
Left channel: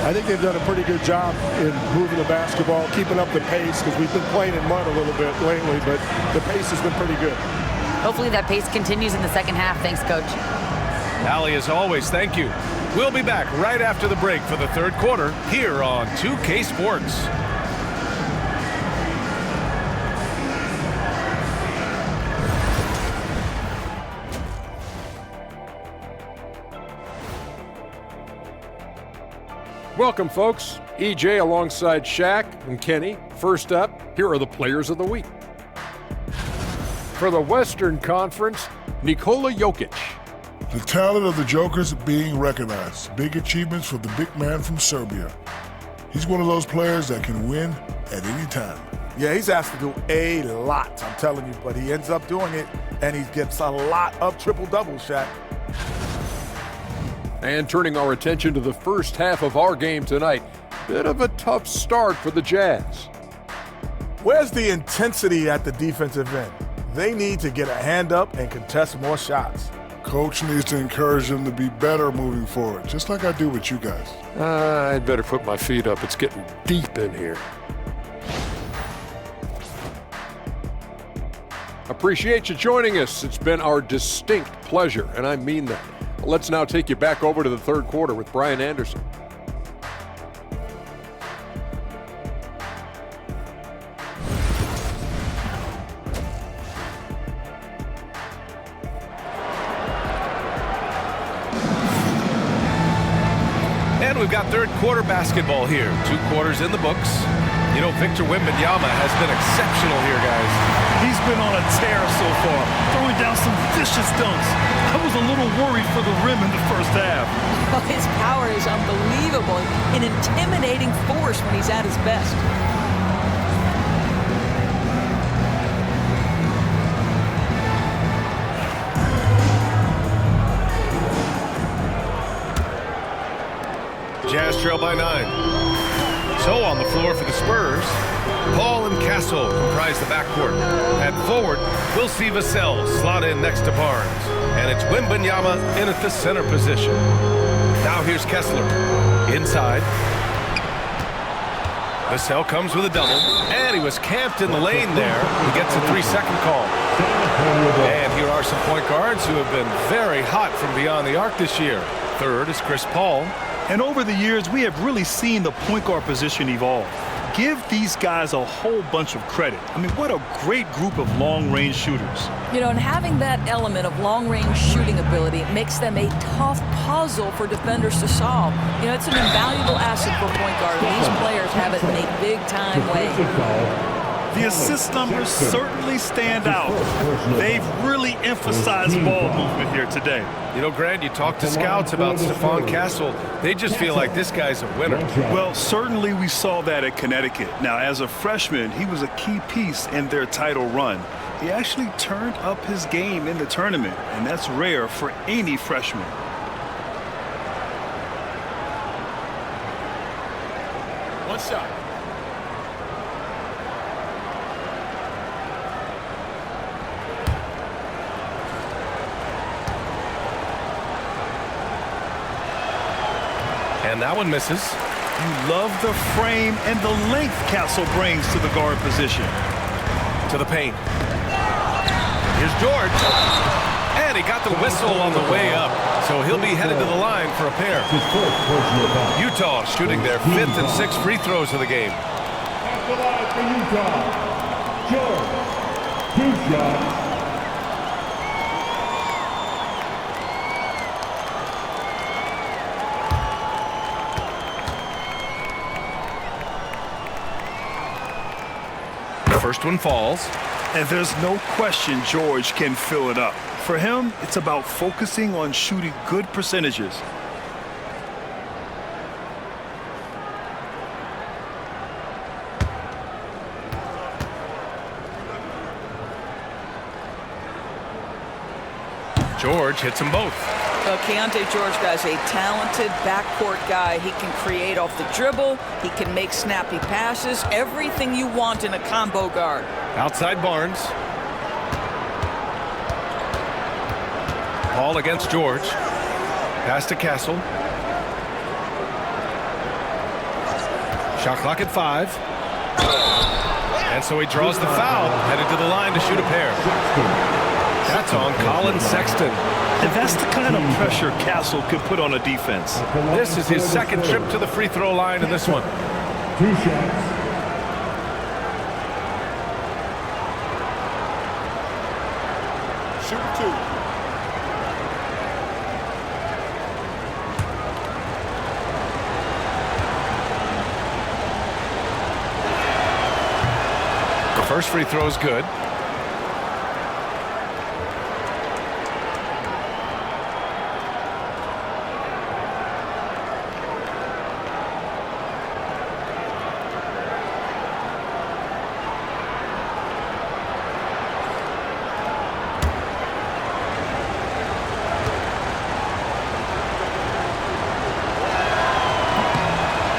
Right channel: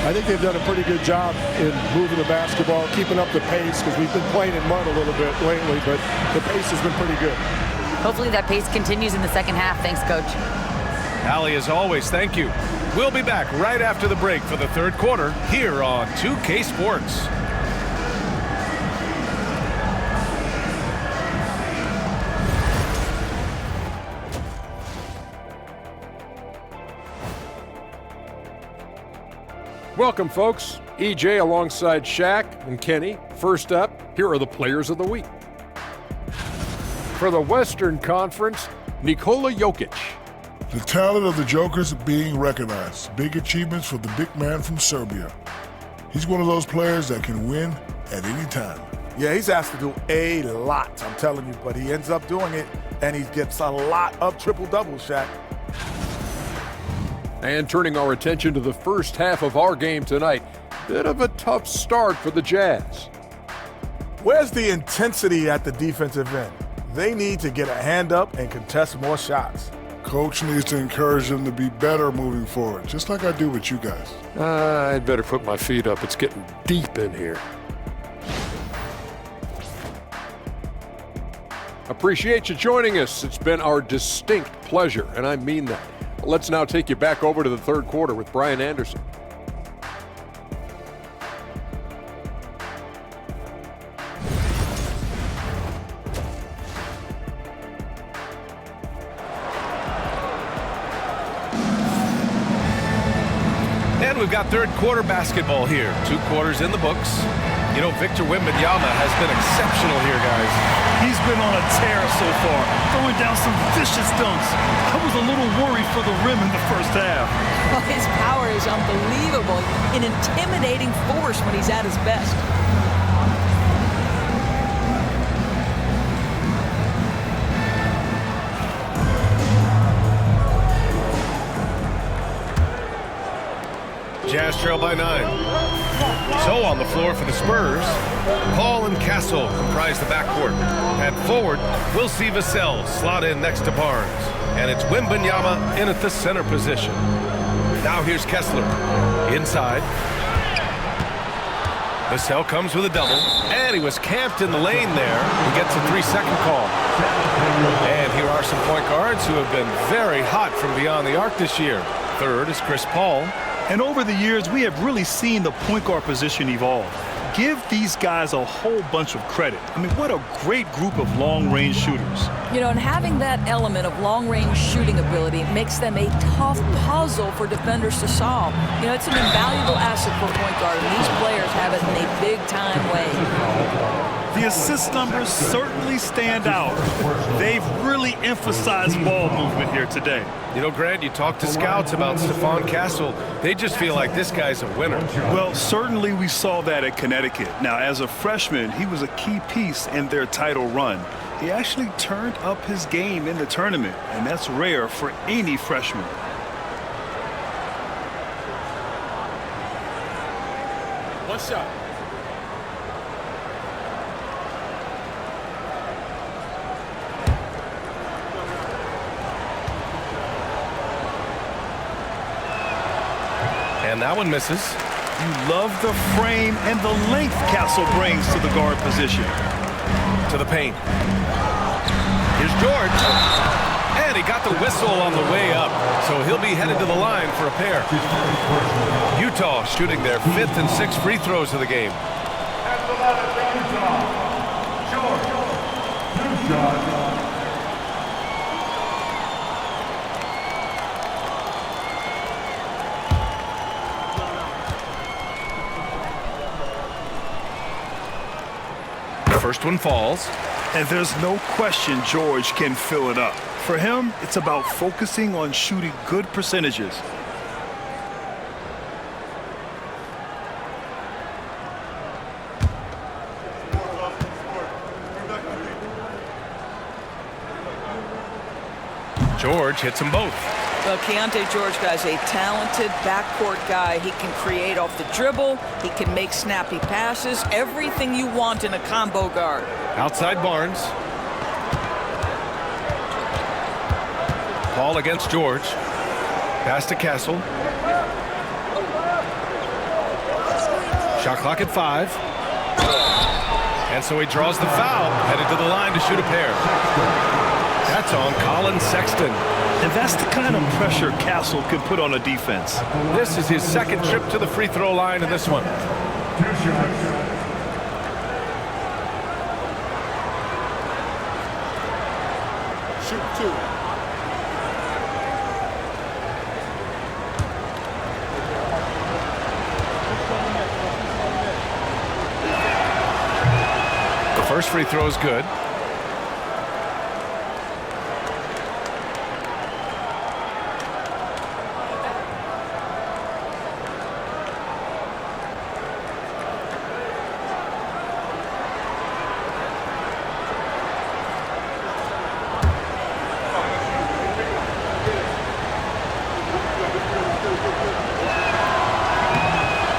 I think they've done a pretty good job in moving the basketball, keeping up the pace, because we've been playing in mud a little bit lately, but the pace has been pretty good. Hopefully that pace continues in the second half. Thanks, Coach. Allie, as always, thank you. We'll be back right after the break for the third quarter here on 2K Sports. Welcome, folks. EJ alongside Shaq and Kenny. First up, here are the players of the week. For the Western Conference, Nikola Jokic. The talent of the Jokers being recognized. Big achievements for the big man from Serbia. He's one of those players that can win at any time. Yeah, he's asked to do a lot, I'm telling you, but he ends up doing it, and he gets a lot of triple-doubles, Shaq. And turning our attention to the first half of our game tonight, bit of a tough start for the Jazz. Where's the intensity at the defensive end? They need to get a hand up and contest more shots. Coach needs to encourage them to be better moving forward, just like I do with you guys. I'd better put my feet up. It's getting deep in here. Appreciate you joining us. It's been our distinct pleasure, and I mean that. Let's now take you back over to the third quarter with Brian Anderson. And we've got third quarter basketball here. 2 quarters in the books. You know, Victor Wembanyama has been exceptional here, guys. He's been on a tear so far, throwing down some vicious dunks. I was a little worried for the rim in the first half. Well, his power is unbelievable. An intimidating force when he's at his best. Jazz trail by 9. So on the floor for the Spurs, Paul and Castle comprise the backcourt. At forward, we'll see Vassell slot in next to Barnes. And it's Wembanyama in at the center position. Now here's Kessler. Inside. Vassell comes with a double. And he was camped in the lane there. He gets a 3-second call. And here are some point guards who have been very hot from beyond the arc this year. Third is Chris Paul. And over the years, we have really seen the point guard position evolve. Give these guys a whole bunch of credit. I mean, what a great group of long-range shooters. You know, and having that element of long-range shooting ability makes them a tough puzzle for defenders to solve. You know, it's an invaluable asset for a point guard, and these players have it in a big-time way. The assist numbers certainly stand out. They've really emphasized ball movement here today. You know, Grant, you talk to scouts about Stephon Castle. They just feel like this guy's a winner. Well, certainly we saw that at Connecticut. Now, as a freshman, he was a key piece in their title run. He actually turned up his game in the tournament, and that's rare for any freshman. One shot. And that one misses. You love the frame and the length Castle brings to the guard position. To the paint. Here's George. And he got the whistle on the way up. So he'll be headed to the line for a pair. Utah shooting their 5th and 6th free throws of the game. That's the line for Utah. George, 2 shots. First one falls. And there's no question George can fill it up. For him, it's about focusing on shooting good percentages. George hits them both. Well, Keontae George, guys, a talented backcourt guy. He can create off the dribble. He can make snappy passes. Everything you want in a combo guard. Outside Barnes. Paul against George. Pass to Castle. Shot clock at 5. And so he draws the foul, headed to the line to shoot a pair. That's on Colin Sexton. And that's the kind of pressure Castle can put on a defense. This is his second trip to the free throw line in this one. 2 shots. Shoot 2. The first free throw is good.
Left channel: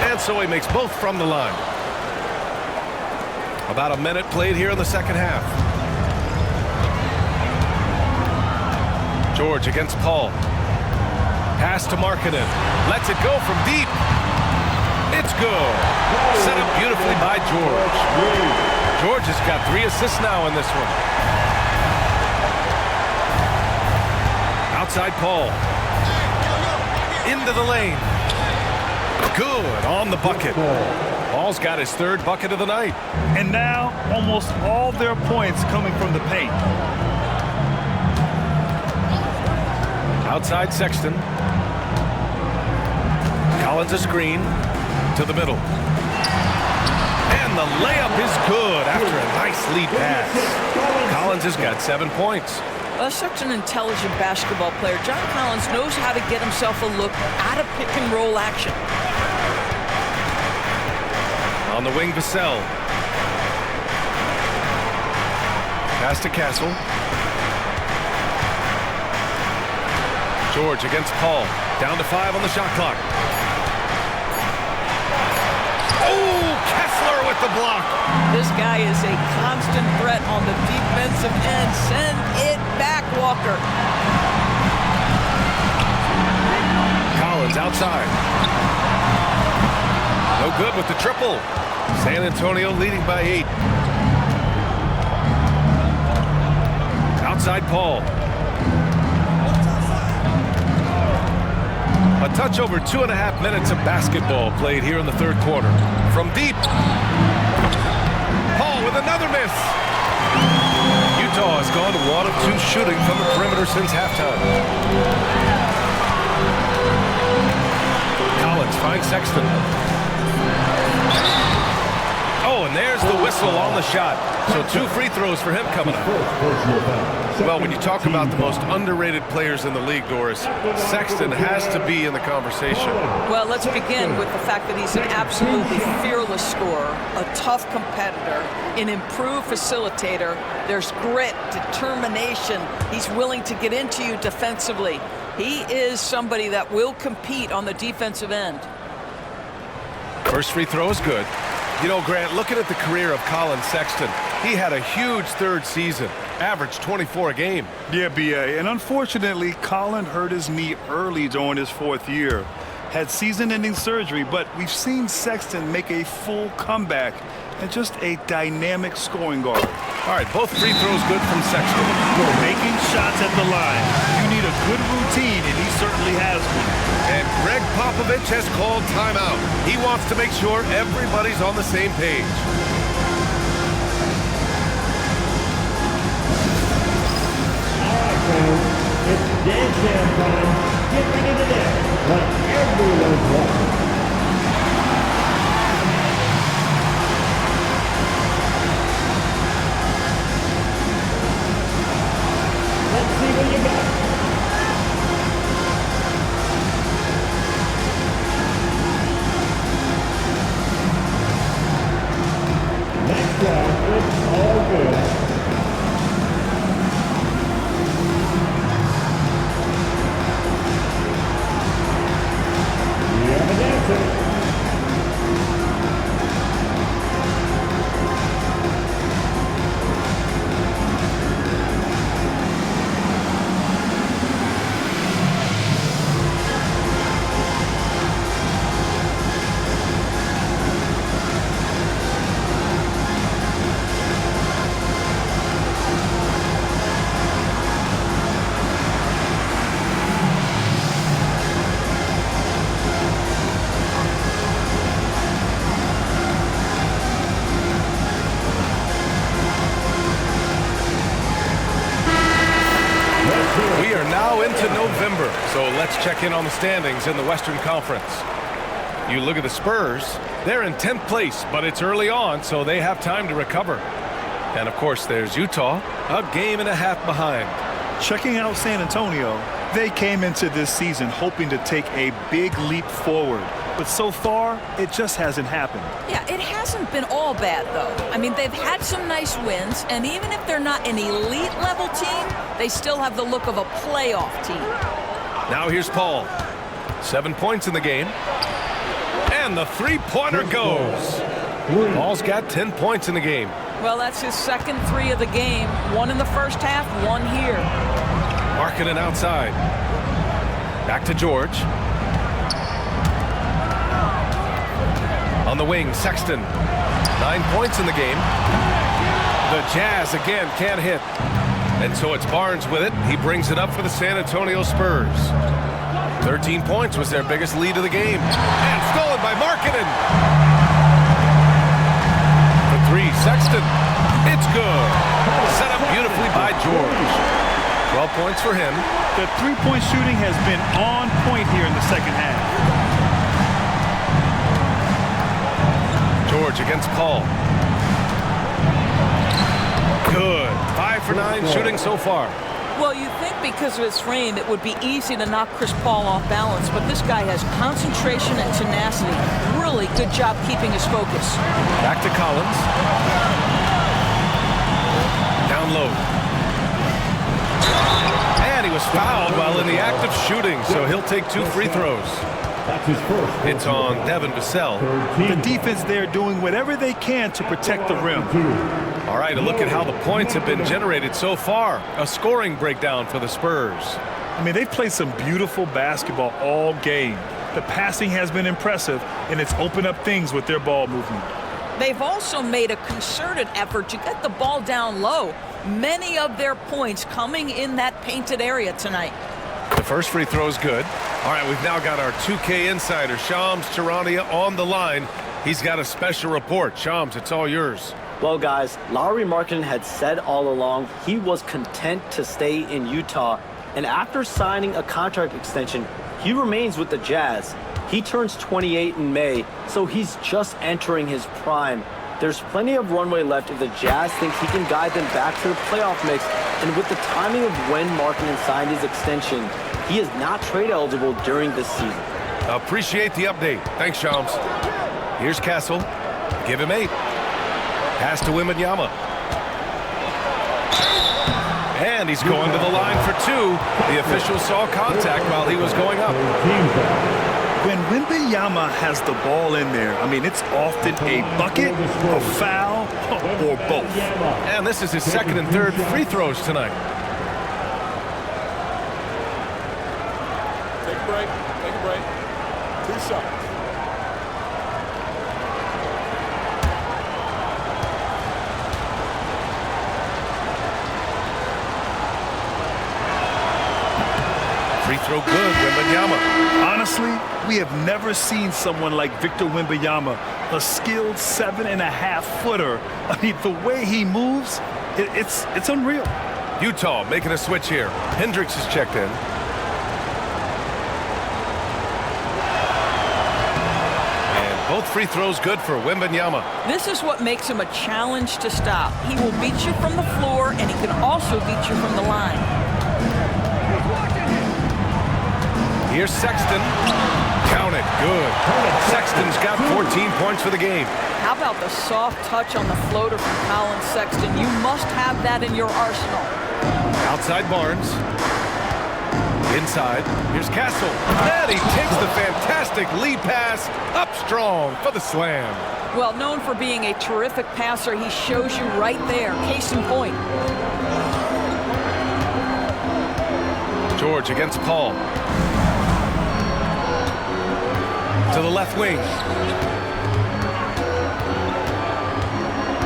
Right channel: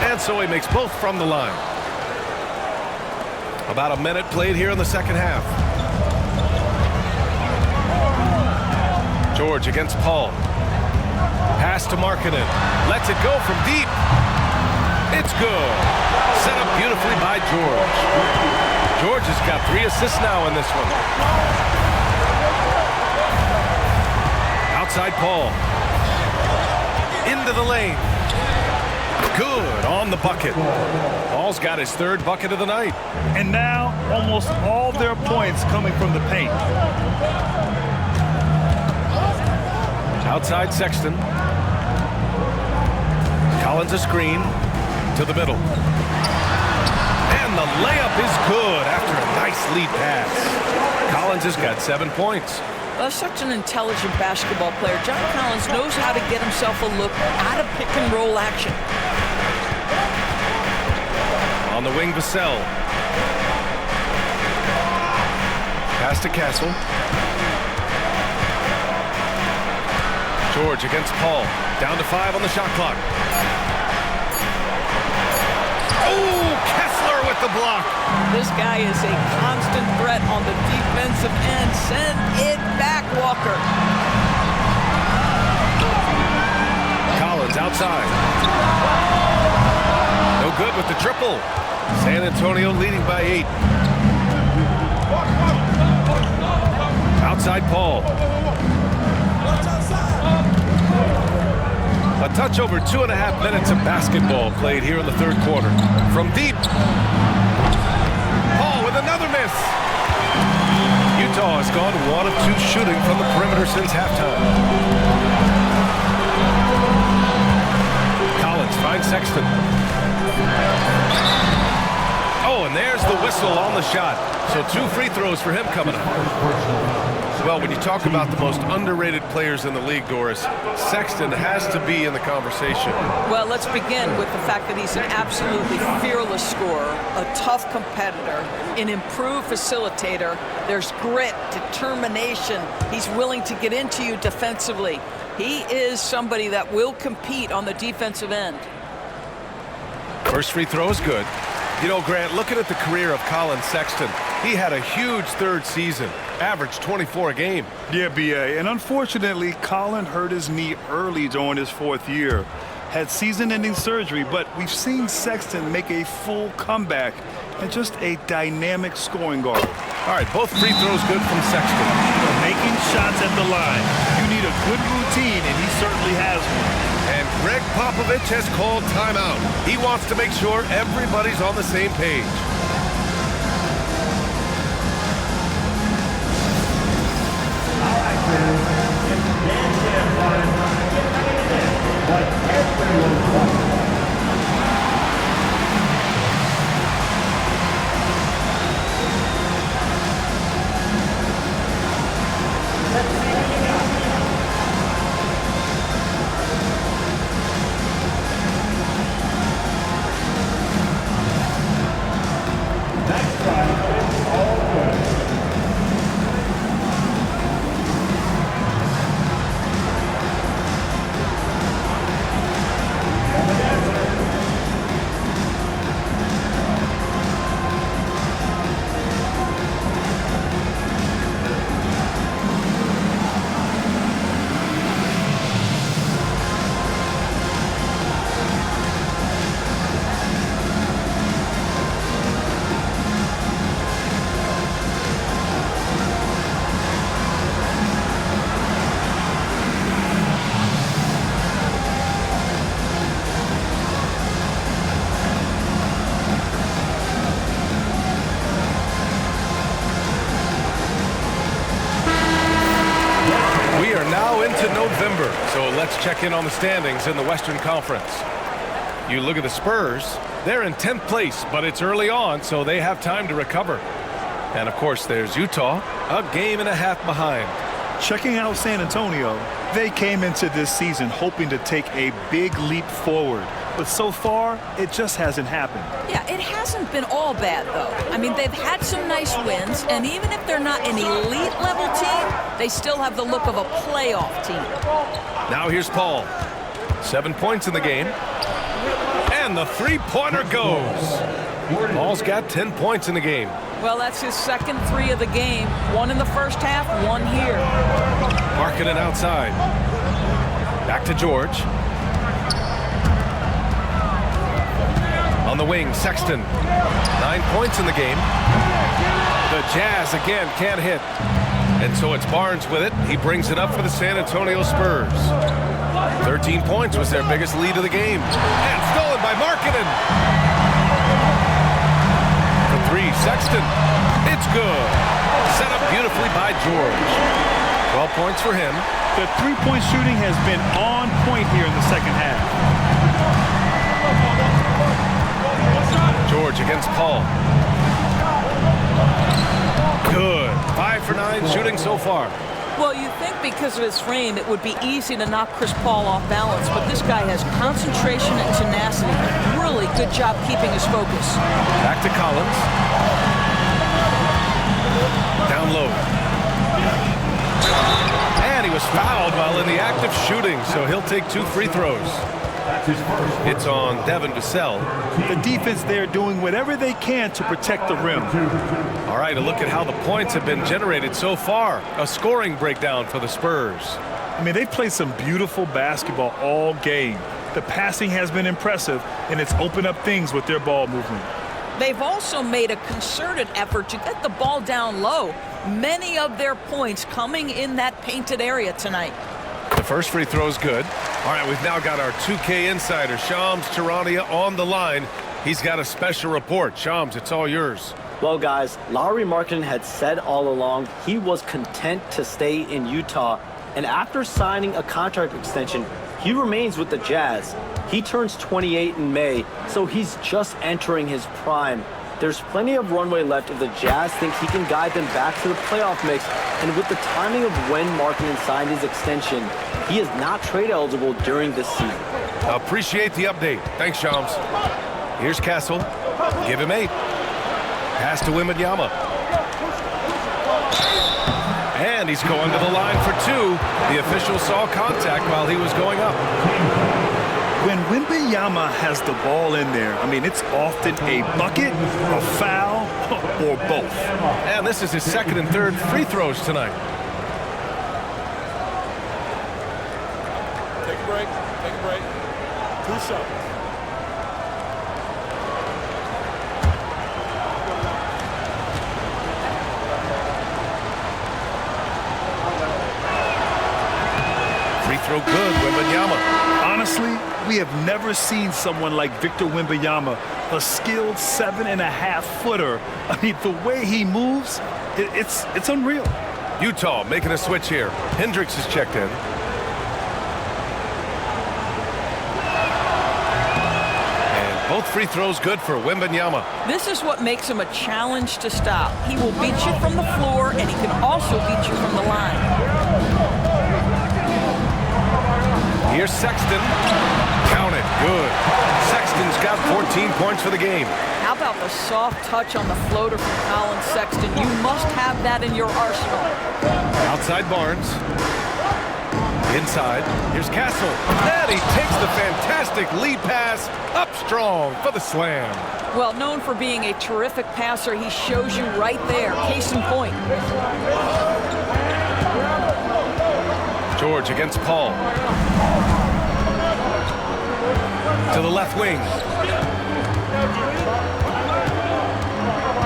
And so he makes both from the line. About a minute played here in the second half. George against Paul. Pass to Markkanen. Lets it go from deep. It's good. Set up beautifully by George. George has got 3 assists now in this one. Outside Paul. Into the lane. Good on the bucket. Paul's got his 3rd bucket of the night. And now almost all their points coming from the paint. Outside Sexton. Collins a screen to the middle. And the layup is good after a nice lead pass. Collins has got 7 points. Such an intelligent basketball player. John Collins knows how to get himself a look out of pick and roll action. On the wing, Vassell. Pass to Castle. George against Paul. Down to 5 on the shot clock. Oh, Kessler with the block. This guy is a constant threat on the defensive end. Send it back, Walker. Collins outside. No good with the triple. San Antonio leading by 8. Outside Paul. A touch over 2.5 minutes of basketball played here in the 3rd quarter. From deep. Paul with another miss. Utah has gone 1 of 2 shooting from the perimeter since halftime. Collins finds Sexton. Oh, and there's the whistle on the shot. So 2 free throws for him coming up. Well, when you talk about the most underrated players in the league, Doris, Sexton has to be in the conversation. Well, let's begin with the fact that he's an absolutely fearless scorer, a tough competitor, an improved facilitator. There's grit, determination. He's willing to get into you defensively. He is somebody that will compete on the defensive end. First free throw is good. You know, Grant, looking at the career of Colin Sexton, he had a huge 3rd season, averaged 24 a game. Yeah, B.A. And unfortunately, Colin hurt his knee early during his 4th year. Had season-ending surgery, but we've seen Sexton make a full comeback and just a dynamic scoring guard. All right, both free throws good from Sexton. Making shots at the line. You need a good routine, and he certainly has one. And Greg Popovich has called timeout. He wants to make sure everybody's on the same page. All right, fans, it's dance jam time. Get ready to dance like everyone's watching. Let's see what you got. Next drive, it's all good. We have an We are now into November, so let's check in on the standings in the Western Conference. You look at the Spurs, they're in 10th place, but it's early on, so they have time to recover. And of course, there's Utah, a game and a half behind. Checking out San Antonio, they came into this season hoping to take a big leap forward. But so far, it just hasn't happened. Yeah, it hasn't been all bad, though. I mean, they've had some nice wins, and even if they're not an elite-level team, they still have the look of a playoff team. Now here's Paul. 7 points in the game. And the three-pointer goes. Paul's got 10 points in the game. Well, that's his second three of the game. One in the first half, one here. Markkanen outside. Back to George. On the wing, Sexton. 9 points in the game. The Jazz again can't hit. And so it's Barnes with it. He brings it up for the San Antonio Spurs. 13 points was their biggest lead of the game. And stolen by Markkanen. For three, Sexton. It's good. Set up beautifully by George. 12 points for him. The three-point shooting has been on point here in the second half. George against Paul. Good. 5 for 9 shooting so far. Well, you think because of his frame, it would be easy to knock Chris Paul off balance, but this guy has concentration and tenacity. Really good job keeping his focus. Back to Collins. Down low. And he was fouled while in the act of shooting, so he'll take 2 free throws. That's his first. It's on Devin Vassell. The defense there doing whatever they can to protect the rim. All right, a look at how the points have been generated so far. A scoring breakdown for the Spurs. I mean, they've played some beautiful basketball all game. The passing has been impressive, and it's opened up things with their ball movement. They've also made a concerted effort to get the ball down low. Many of their points coming in that painted area tonight. The first free throw is good. All right, we've now got our 2K insider, Shams Charania, on the line. He's got a special report. Shams, it's all yours. Well, guys, Lauri Markkanen had said all along he was content to stay in Utah. And after signing a contract extension, he remains with the Jazz. He turns 28 in May, so he's just entering his prime. There's plenty of runway left if the Jazz think he can guide them back to the playoff mix. And with the timing of when Markkanen signed his extension, he is not trade eligible during this season. Appreciate the update. Thanks, Shams. Here's Castle. Give him 8. Pass to Wembanyama. And he's going to the line for 2. The official saw contact while he was going up. When Wembanyama has the ball in there, I mean, it's often a bucket, a foul, or both. And this is his second and third free throws tonight. Take a break. Take a break. 2 shots. Free throw good, Wembanyama. Honestly, we have never seen someone like Victor Wembanyama, a skilled 7.5-footer. I mean, the way he moves, it's unreal. Utah making a switch here. Hendricks is checked in. And both free throws good for Wembanyama. This is what makes him a challenge to stop. He will beat you from the floor, and he can also beat you from the line. Here's Sexton. Count it. Good. Sexton's got 14 points for the game. How about the soft touch on the floater from Colin Sexton? You must have that in your arsenal. Outside Barnes. Inside. Here's Castle. And he takes the fantastic lead pass up strong for the slam. Well, known for being a terrific passer, he shows you right there. Case in point. George against Paul. To the left wing.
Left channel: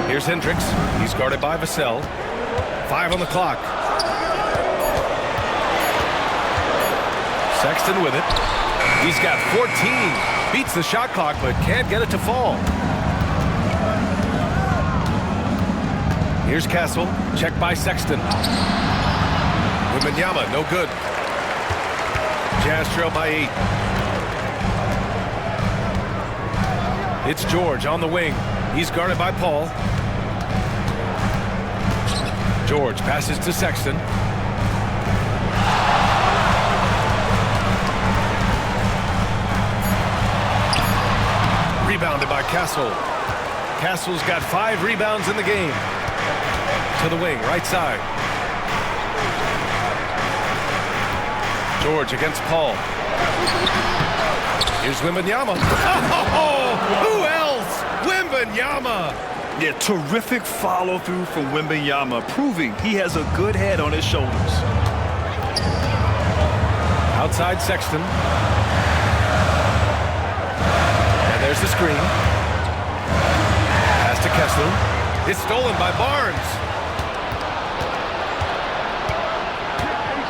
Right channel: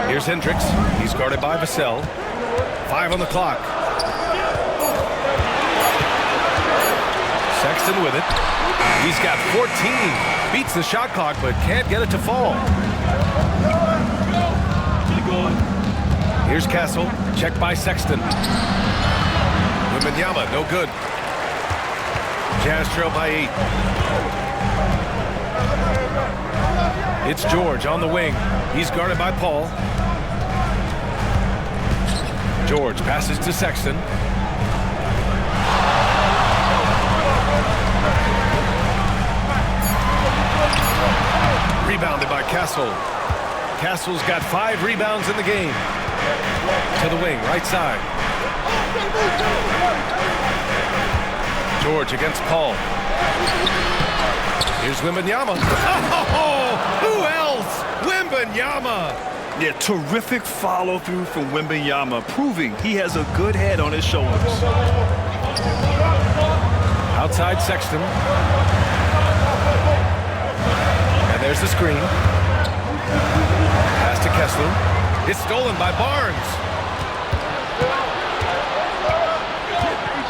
Here's Hendricks. He's guarded by Vassell. 5 on the clock. Sexton with it. He's got 14. Beats the shot clock, but can't get it to fall. Here's Castle. Checked by Sexton. Wembanyama, no good. Jazz trail by 8. It's George on the wing. He's guarded by Paul. George passes to Sexton. Rebounded by Castle. Castle's got 5 rebounds in the game. To the wing, right side. George against Paul. Here's Wembanyama. Oh, who else? Wembanyama. Yeah, terrific follow-through from Wembanyama, proving he has a good head on his shoulders. Outside Sexton. And there's the screen. Pass to Kessler. It's stolen by Barnes.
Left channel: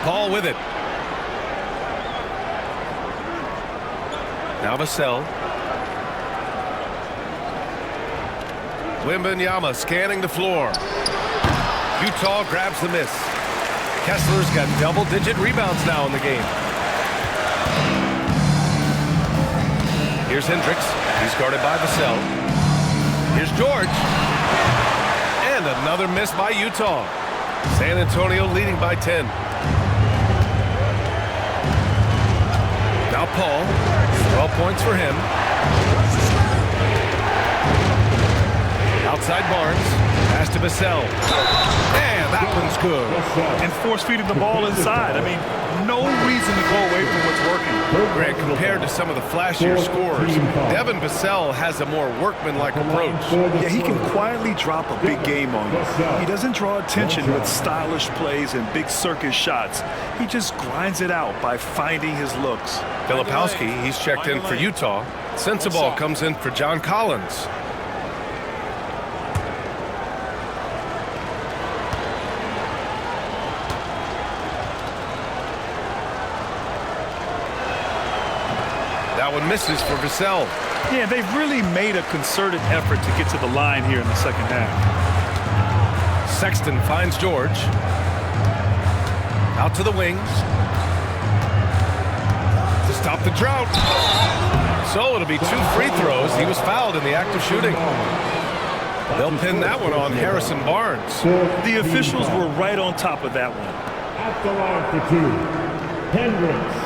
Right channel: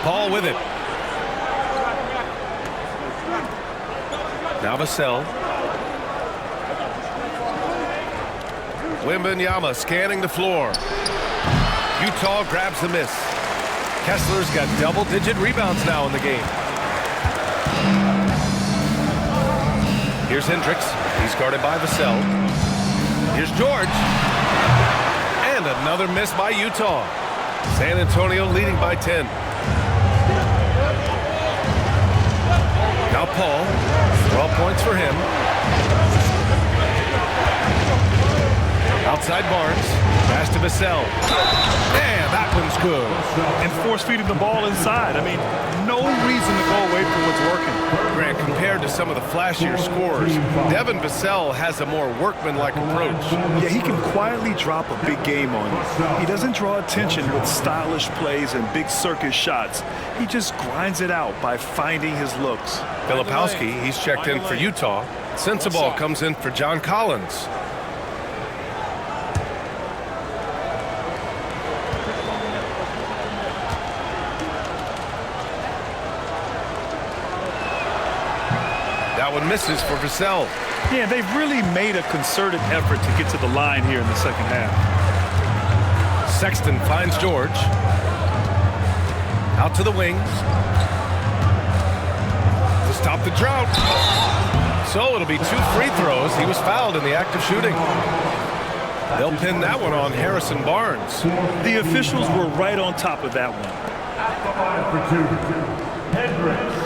Paul with it. Now Vassell. Wembanyama scanning the floor. Utah grabs the miss. Kessler's got double-digit rebounds now in the game. Here's Hendricks. He's guarded by Vassell. Here's George. And another miss by Utah. San Antonio leading by 10. Now Paul. 12 points for him. Outside Barnes. Pass to Vassell. And that one's good. And force-feeding the ball inside. I mean, no reason to go away from what's working. Grant, compared to some of the flashier scorers, Devin Vassell has a more workmanlike approach. Yeah, he can quietly drop a big game on you. He doesn't draw attention with stylish plays and big circus shots. He just grinds it out by finding his looks. Filipowski, he's checked in for Utah. Sensabaugh comes in for John Collins. That one misses for Vassell. Yeah, they've really made a concerted effort to get to the line here in the second half. Sexton finds George. Out to the wing. To stop the drought. So it'll be 2 free throws. He was fouled in the act of shooting. They'll pin that one on Harrison Barnes. The officials were right on top of that one. At the line for 2, Hendricks.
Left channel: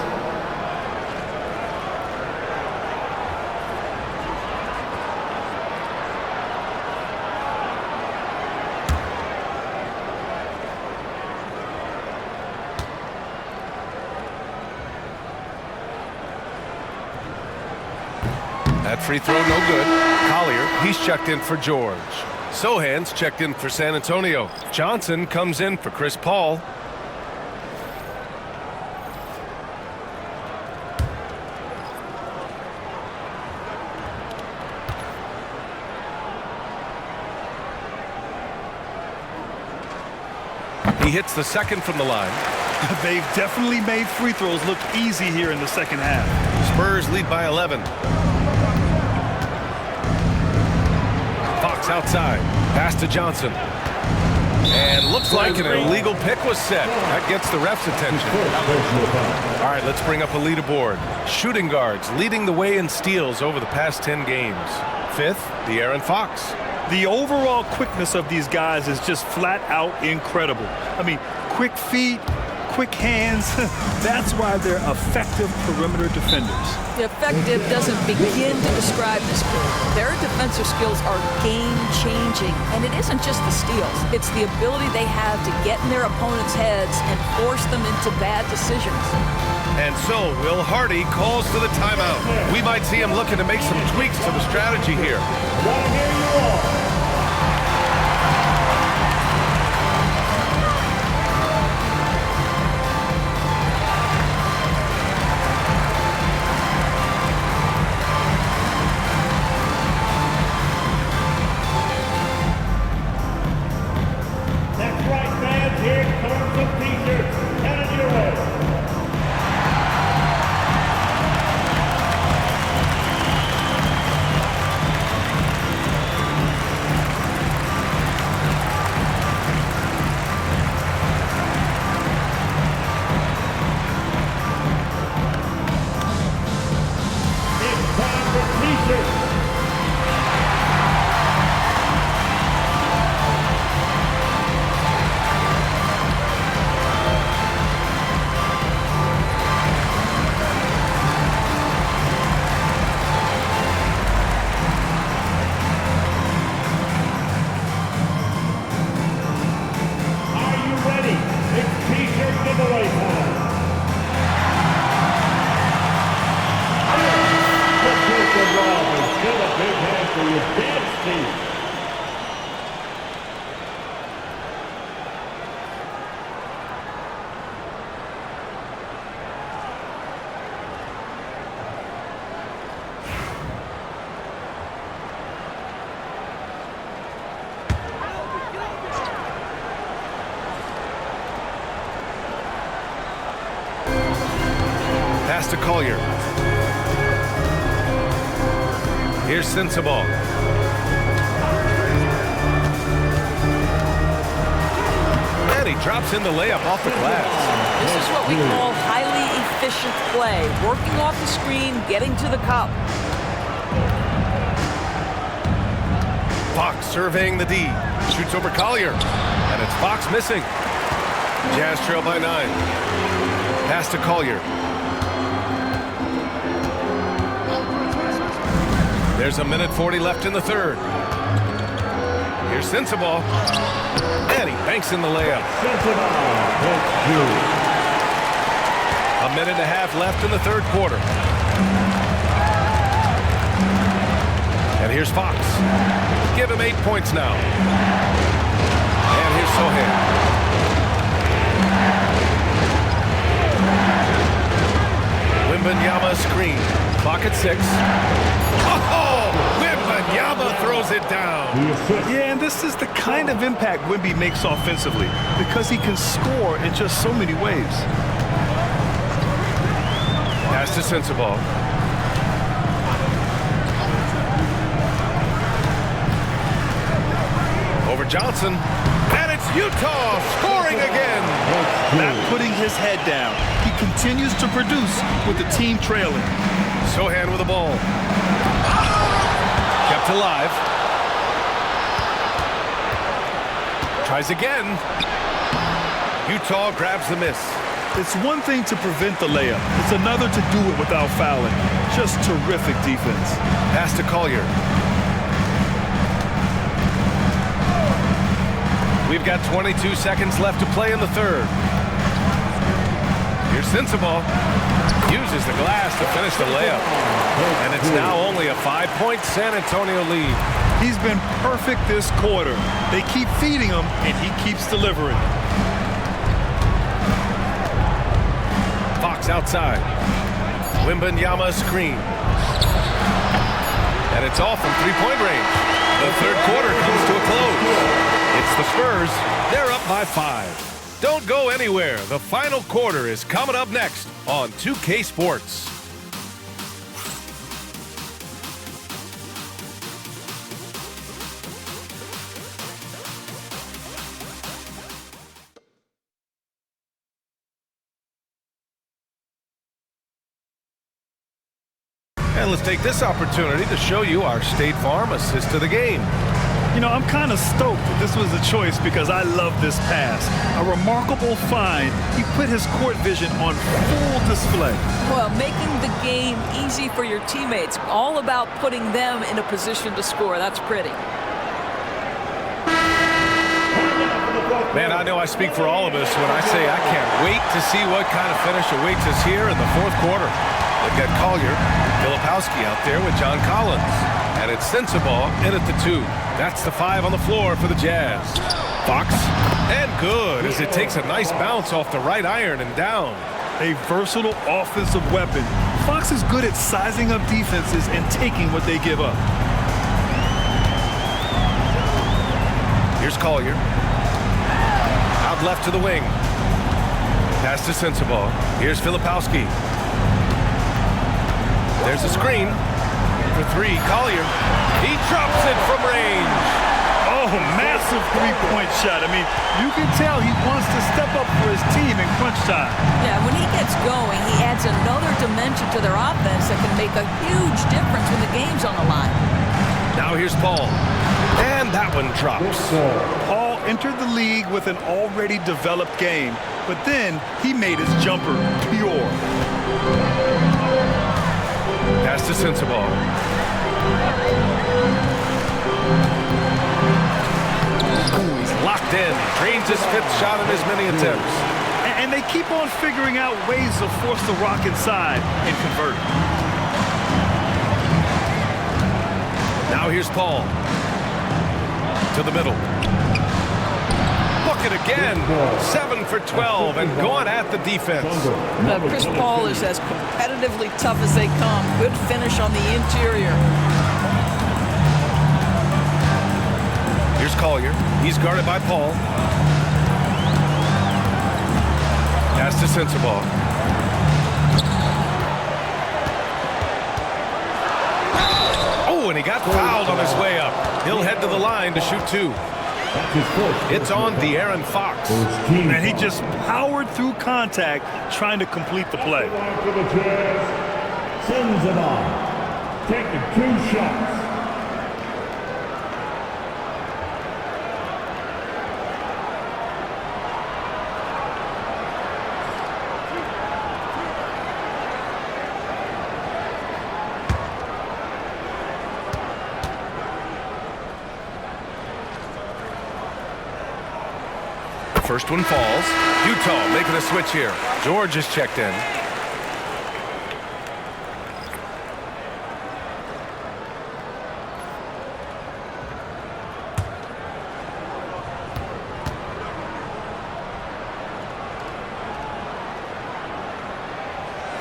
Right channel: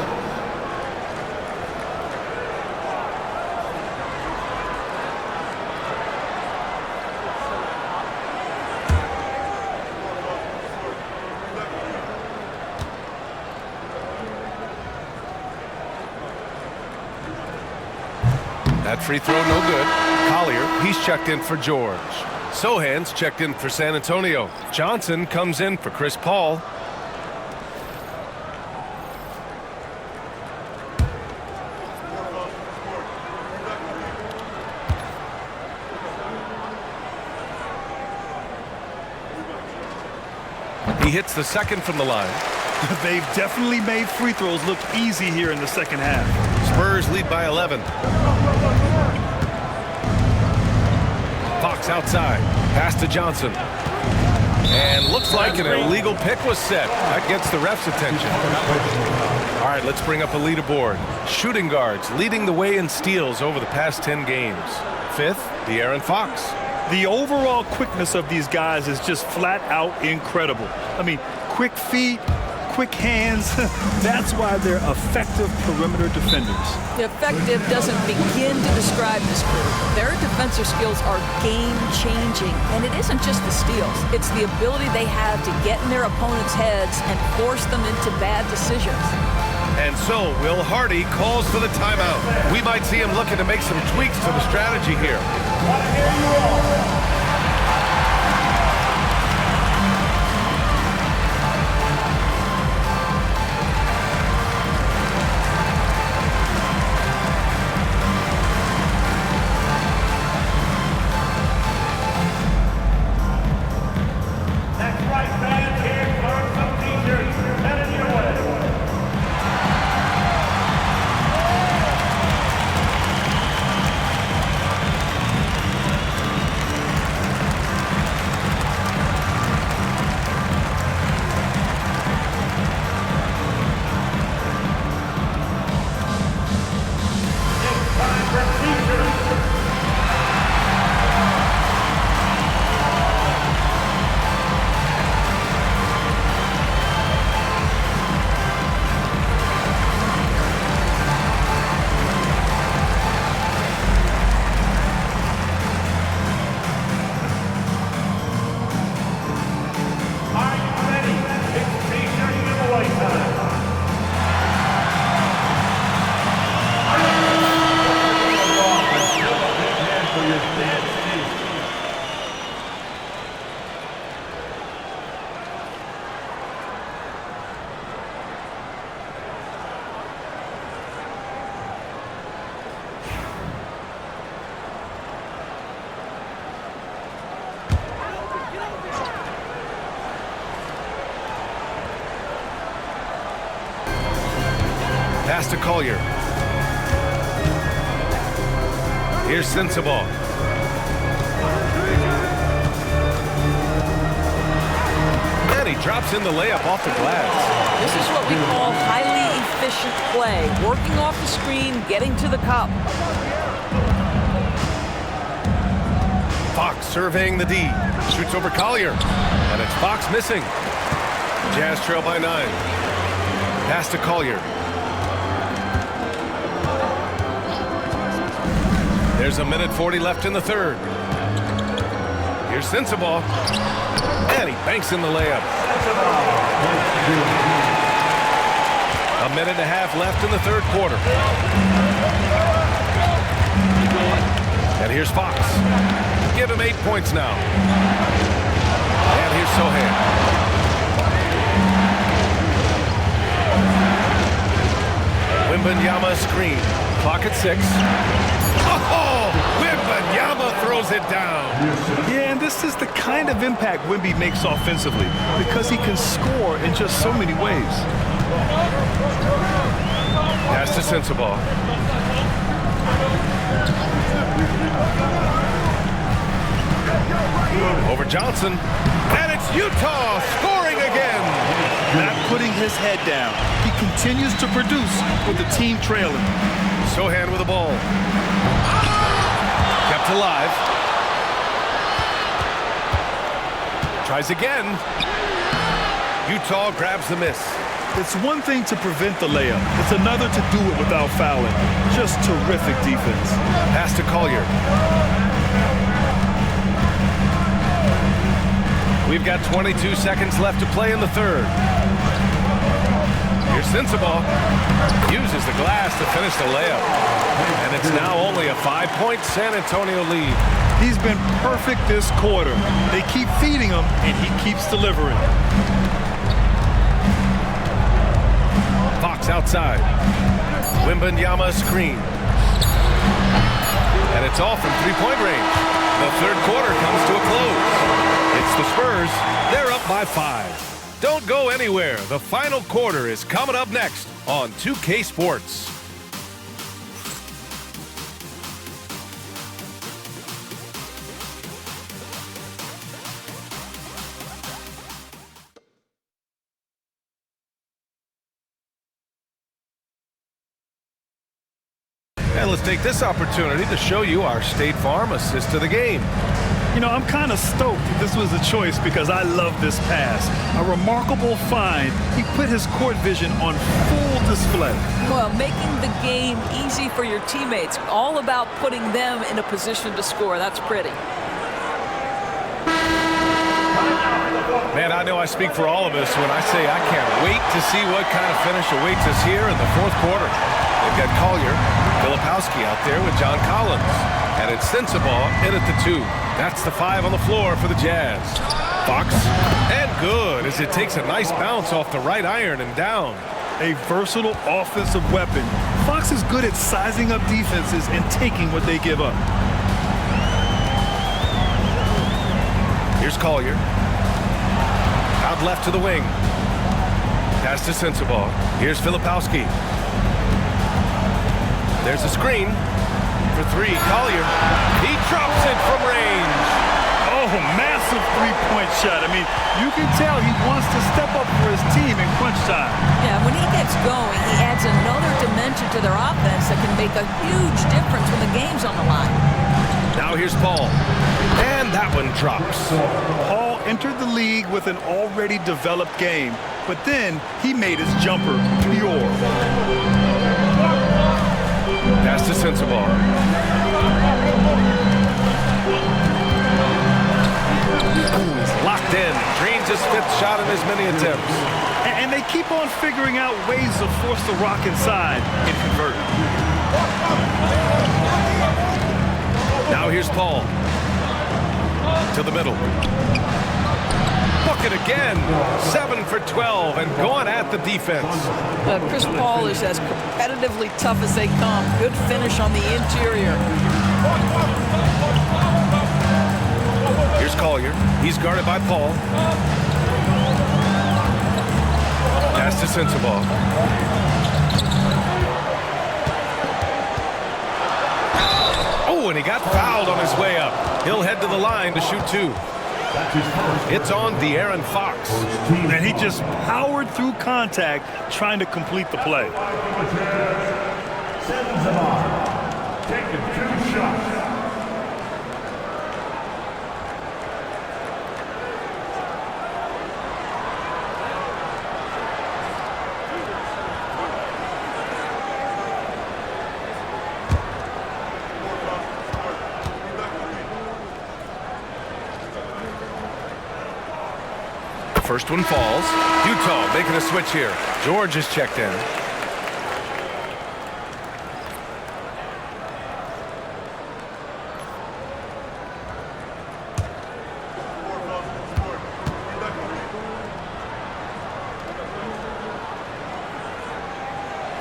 That free throw no good. Collier, he's checked in for George. Sohan's checked in for San Antonio. Johnson comes in for Chris Paul. He hits the second from the line. They've definitely made free throws look easy here in the second half. Spurs lead by 11. Fox outside. Pass to Johnson. And looks like an illegal pick was set. That gets the ref's attention. All right, let's bring up a leaderboard. Shooting guards leading the way in steals over the past 10 games. 5th, De'Aaron Fox. The overall quickness of these guys is just flat out incredible. I mean, quick feet, quick hands. That's why they're effective perimeter defenders. Effective doesn't begin to describe this crew. Their defensive skills are game-changing, and it isn't just the steals. It's the ability they have to get in their opponents' heads and force them into bad decisions. And so Will Hardy calls for the timeout. We might see him looking to make some tweaks to the strategy here. Gotta hear you all. That's right, fans. Here comes some t-shirts headed your way. Pass to Collier. Here's Sensabaugh. And he drops in the layup off the glass. This is what we call highly efficient play. Working off the screen, getting to the cup. Fox surveying the D. Shoots over Collier. And it's Fox missing. Jazz trail by 9. Pass to Collier. There's a minute 40 left in the third. Here's Sensabaugh. And he banks in the layup. A minute and a half left in the third quarter. And here's Fox. Give him 8 points now. And here's Sohan. Wembanyama screen. Clock at 6. Oh, Wembanyama throws it down. Yeah, and this is the kind of impact Wemby makes offensively because he can score in just so many ways. Pass to Sensabaugh. Over Johnson. And it's Utah scoring again. Not putting his head down. He continues to produce with the team trailing. Sohan with the ball. Kept alive. Tries again. Utah grabs the miss. It's one thing to prevent the layup. It's another to do it without fouling. Just terrific defense. Pass to Collier. We've got 22 seconds left to play in the third. Here's Sensabaugh. Uses the glass to finish the layup. And it's now only a 5-point San Antonio lead. He's been perfect this quarter. They keep feeding him, and he keeps delivering. Fox outside. Wembanyama screen. And it's off from three-point range. The third quarter comes to a close. It's the Spurs. They're up by 5. Don't go anywhere. The final quarter is coming up next on 2K Sports. And let's take this opportunity to show you our State Farm assist to the game. You know, I'm kind of stoked that this was a choice because I love this pass. A remarkable find. He put his court vision on full display. Well, making the game easy for your teammates. All about putting them in a position to score. That's pretty. Man, I know I speak for all of us when I say I can't wait to see what kind of finish awaits us here in the fourth quarter. They've got Collier, Filipowski out there with John Collins. And it's Sensabaugh in at the 2. That's the 5 on the floor for the Jazz. Fox, and good as it takes a nice bounce off the right iron and down. A versatile offensive weapon. Fox is good at sizing up defenses and taking what they give up. Here's Collier. Out left to the wing. Pass to Sensabaugh. Here's Filipowski. There's a screen. For 3, Collier. He drops it from range. Oh, massive three-point shot. I mean, you can tell he wants to step up for his team in crunch time. Yeah, when he gets going, he adds another dimension to their offense that can make a huge difference when the game's on the line. Now here's Paul. And that one drops. Paul entered the league with an already developed game, but then he made his jumper pure. Pass to Sensabaugh. Ooh, he's locked in. Drains his 5th shot in as many attempts. And they keep on figuring out ways to force the rock inside and convert. Now here's Paul. To the middle. Bucket again. 7 for 12 and going at the defense. Chris Paul is as competitively tough as they come. Good finish on the interior. Here's Collier. He's guarded by Paul. Pass to Sensabaugh. and he got fouled on his way up. He'll head to the line to shoot 2. It's on De'Aaron Fox. And he just powered through contact trying to complete the play. For the Jazz, sends it on. Taking 2 shots. First one falls. Utah making a switch here. George is checked in.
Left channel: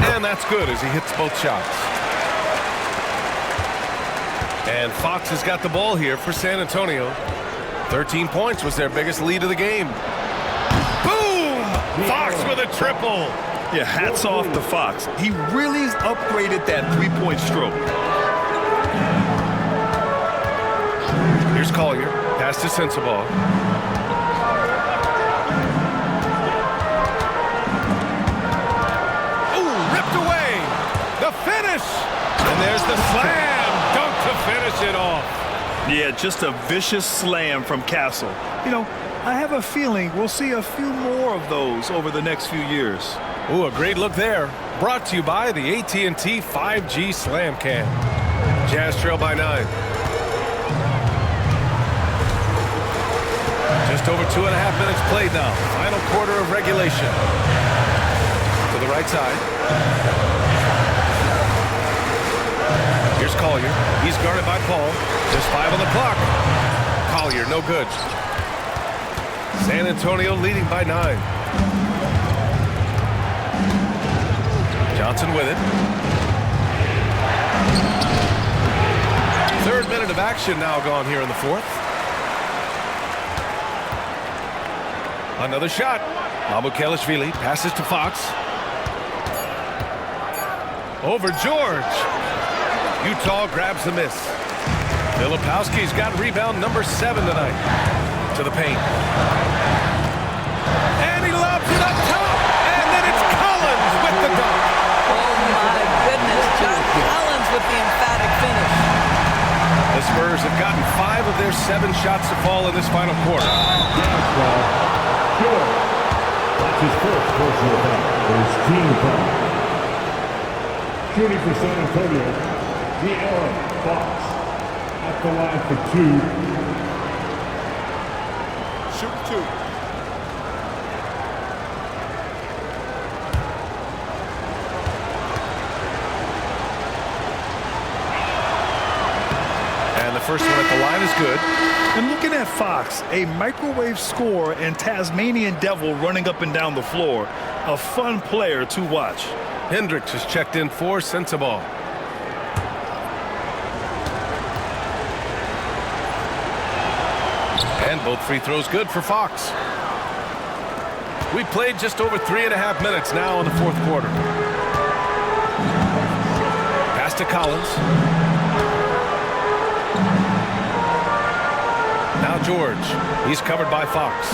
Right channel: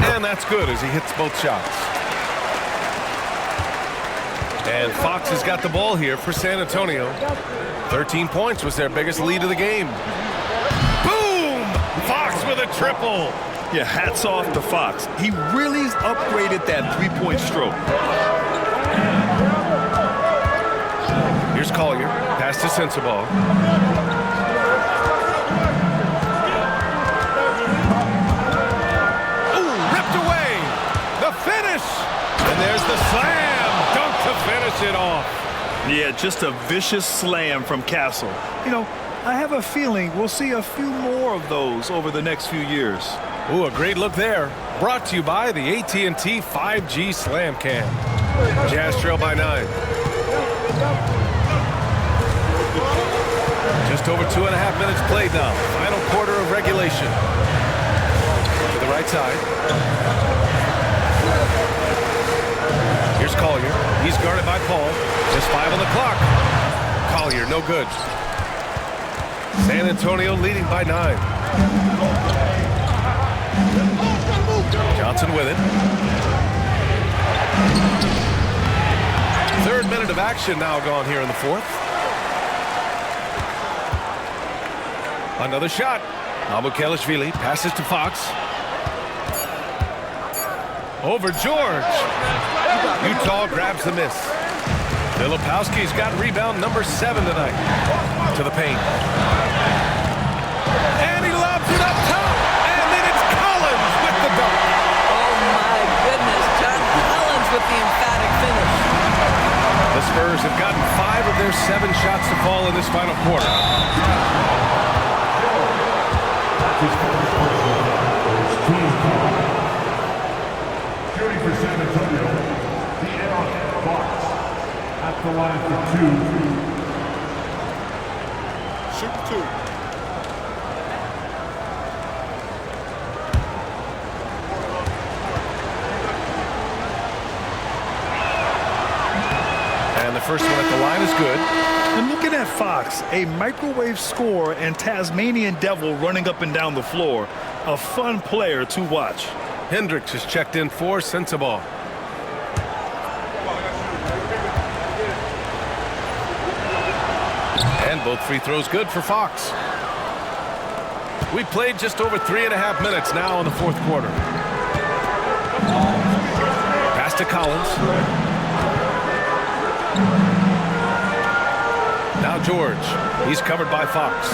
And that's good as he hits both shots. And Fox has got the ball here for San Antonio. 13 points was their biggest lead of the game. Fox with a triple. Yeah, hats off to Fox. He really upgraded that three-point stroke. Here's Collier. Pass to Sensabaugh. Ooh, ripped away. The finish. And there's the slam. Dunk to finish it off. Yeah, just a vicious slam from Castle. You know, I have a feeling we'll see a few more of those over the next few years. Ooh, a great look there. Brought to you by the AT&T 5G Slam Cam. Jazz trail by 9. Just over 2.5 minutes played now. Final quarter of regulation. To the right side. Here's Collier. He's guarded by Paul. Just 5 on the clock. Collier, no good. San Antonio leading by 9. Johnson with it. 3rd minute of action now gone here in the 4th. Another shot. Mamukelashvili passes to Fox. Over George. Utah grabs the miss. Filipowski's got rebound number 7 tonight. To the paint. And he lobs it up top. And then it's Collins with the dunk. Oh my goodness, John Collins with the emphatic finish. The Spurs have gotten 5 of their 7 shots to fall in this final quarter. That's his first personal foul. His team foul. Shooting for San Antonio, De'Aaron Fox at the line for 2. Shooting 2. And the first one at the line is good. And looking at Fox, a microwave scorer and Tasmanian devil running up and down the floor. A fun player to watch. Hendricks is checked in for Sensabaugh. And both free throws good for Fox. We played just over 3.5 minutes now in the 4th quarter. Pass to Collins. Now George. He's covered by Fox.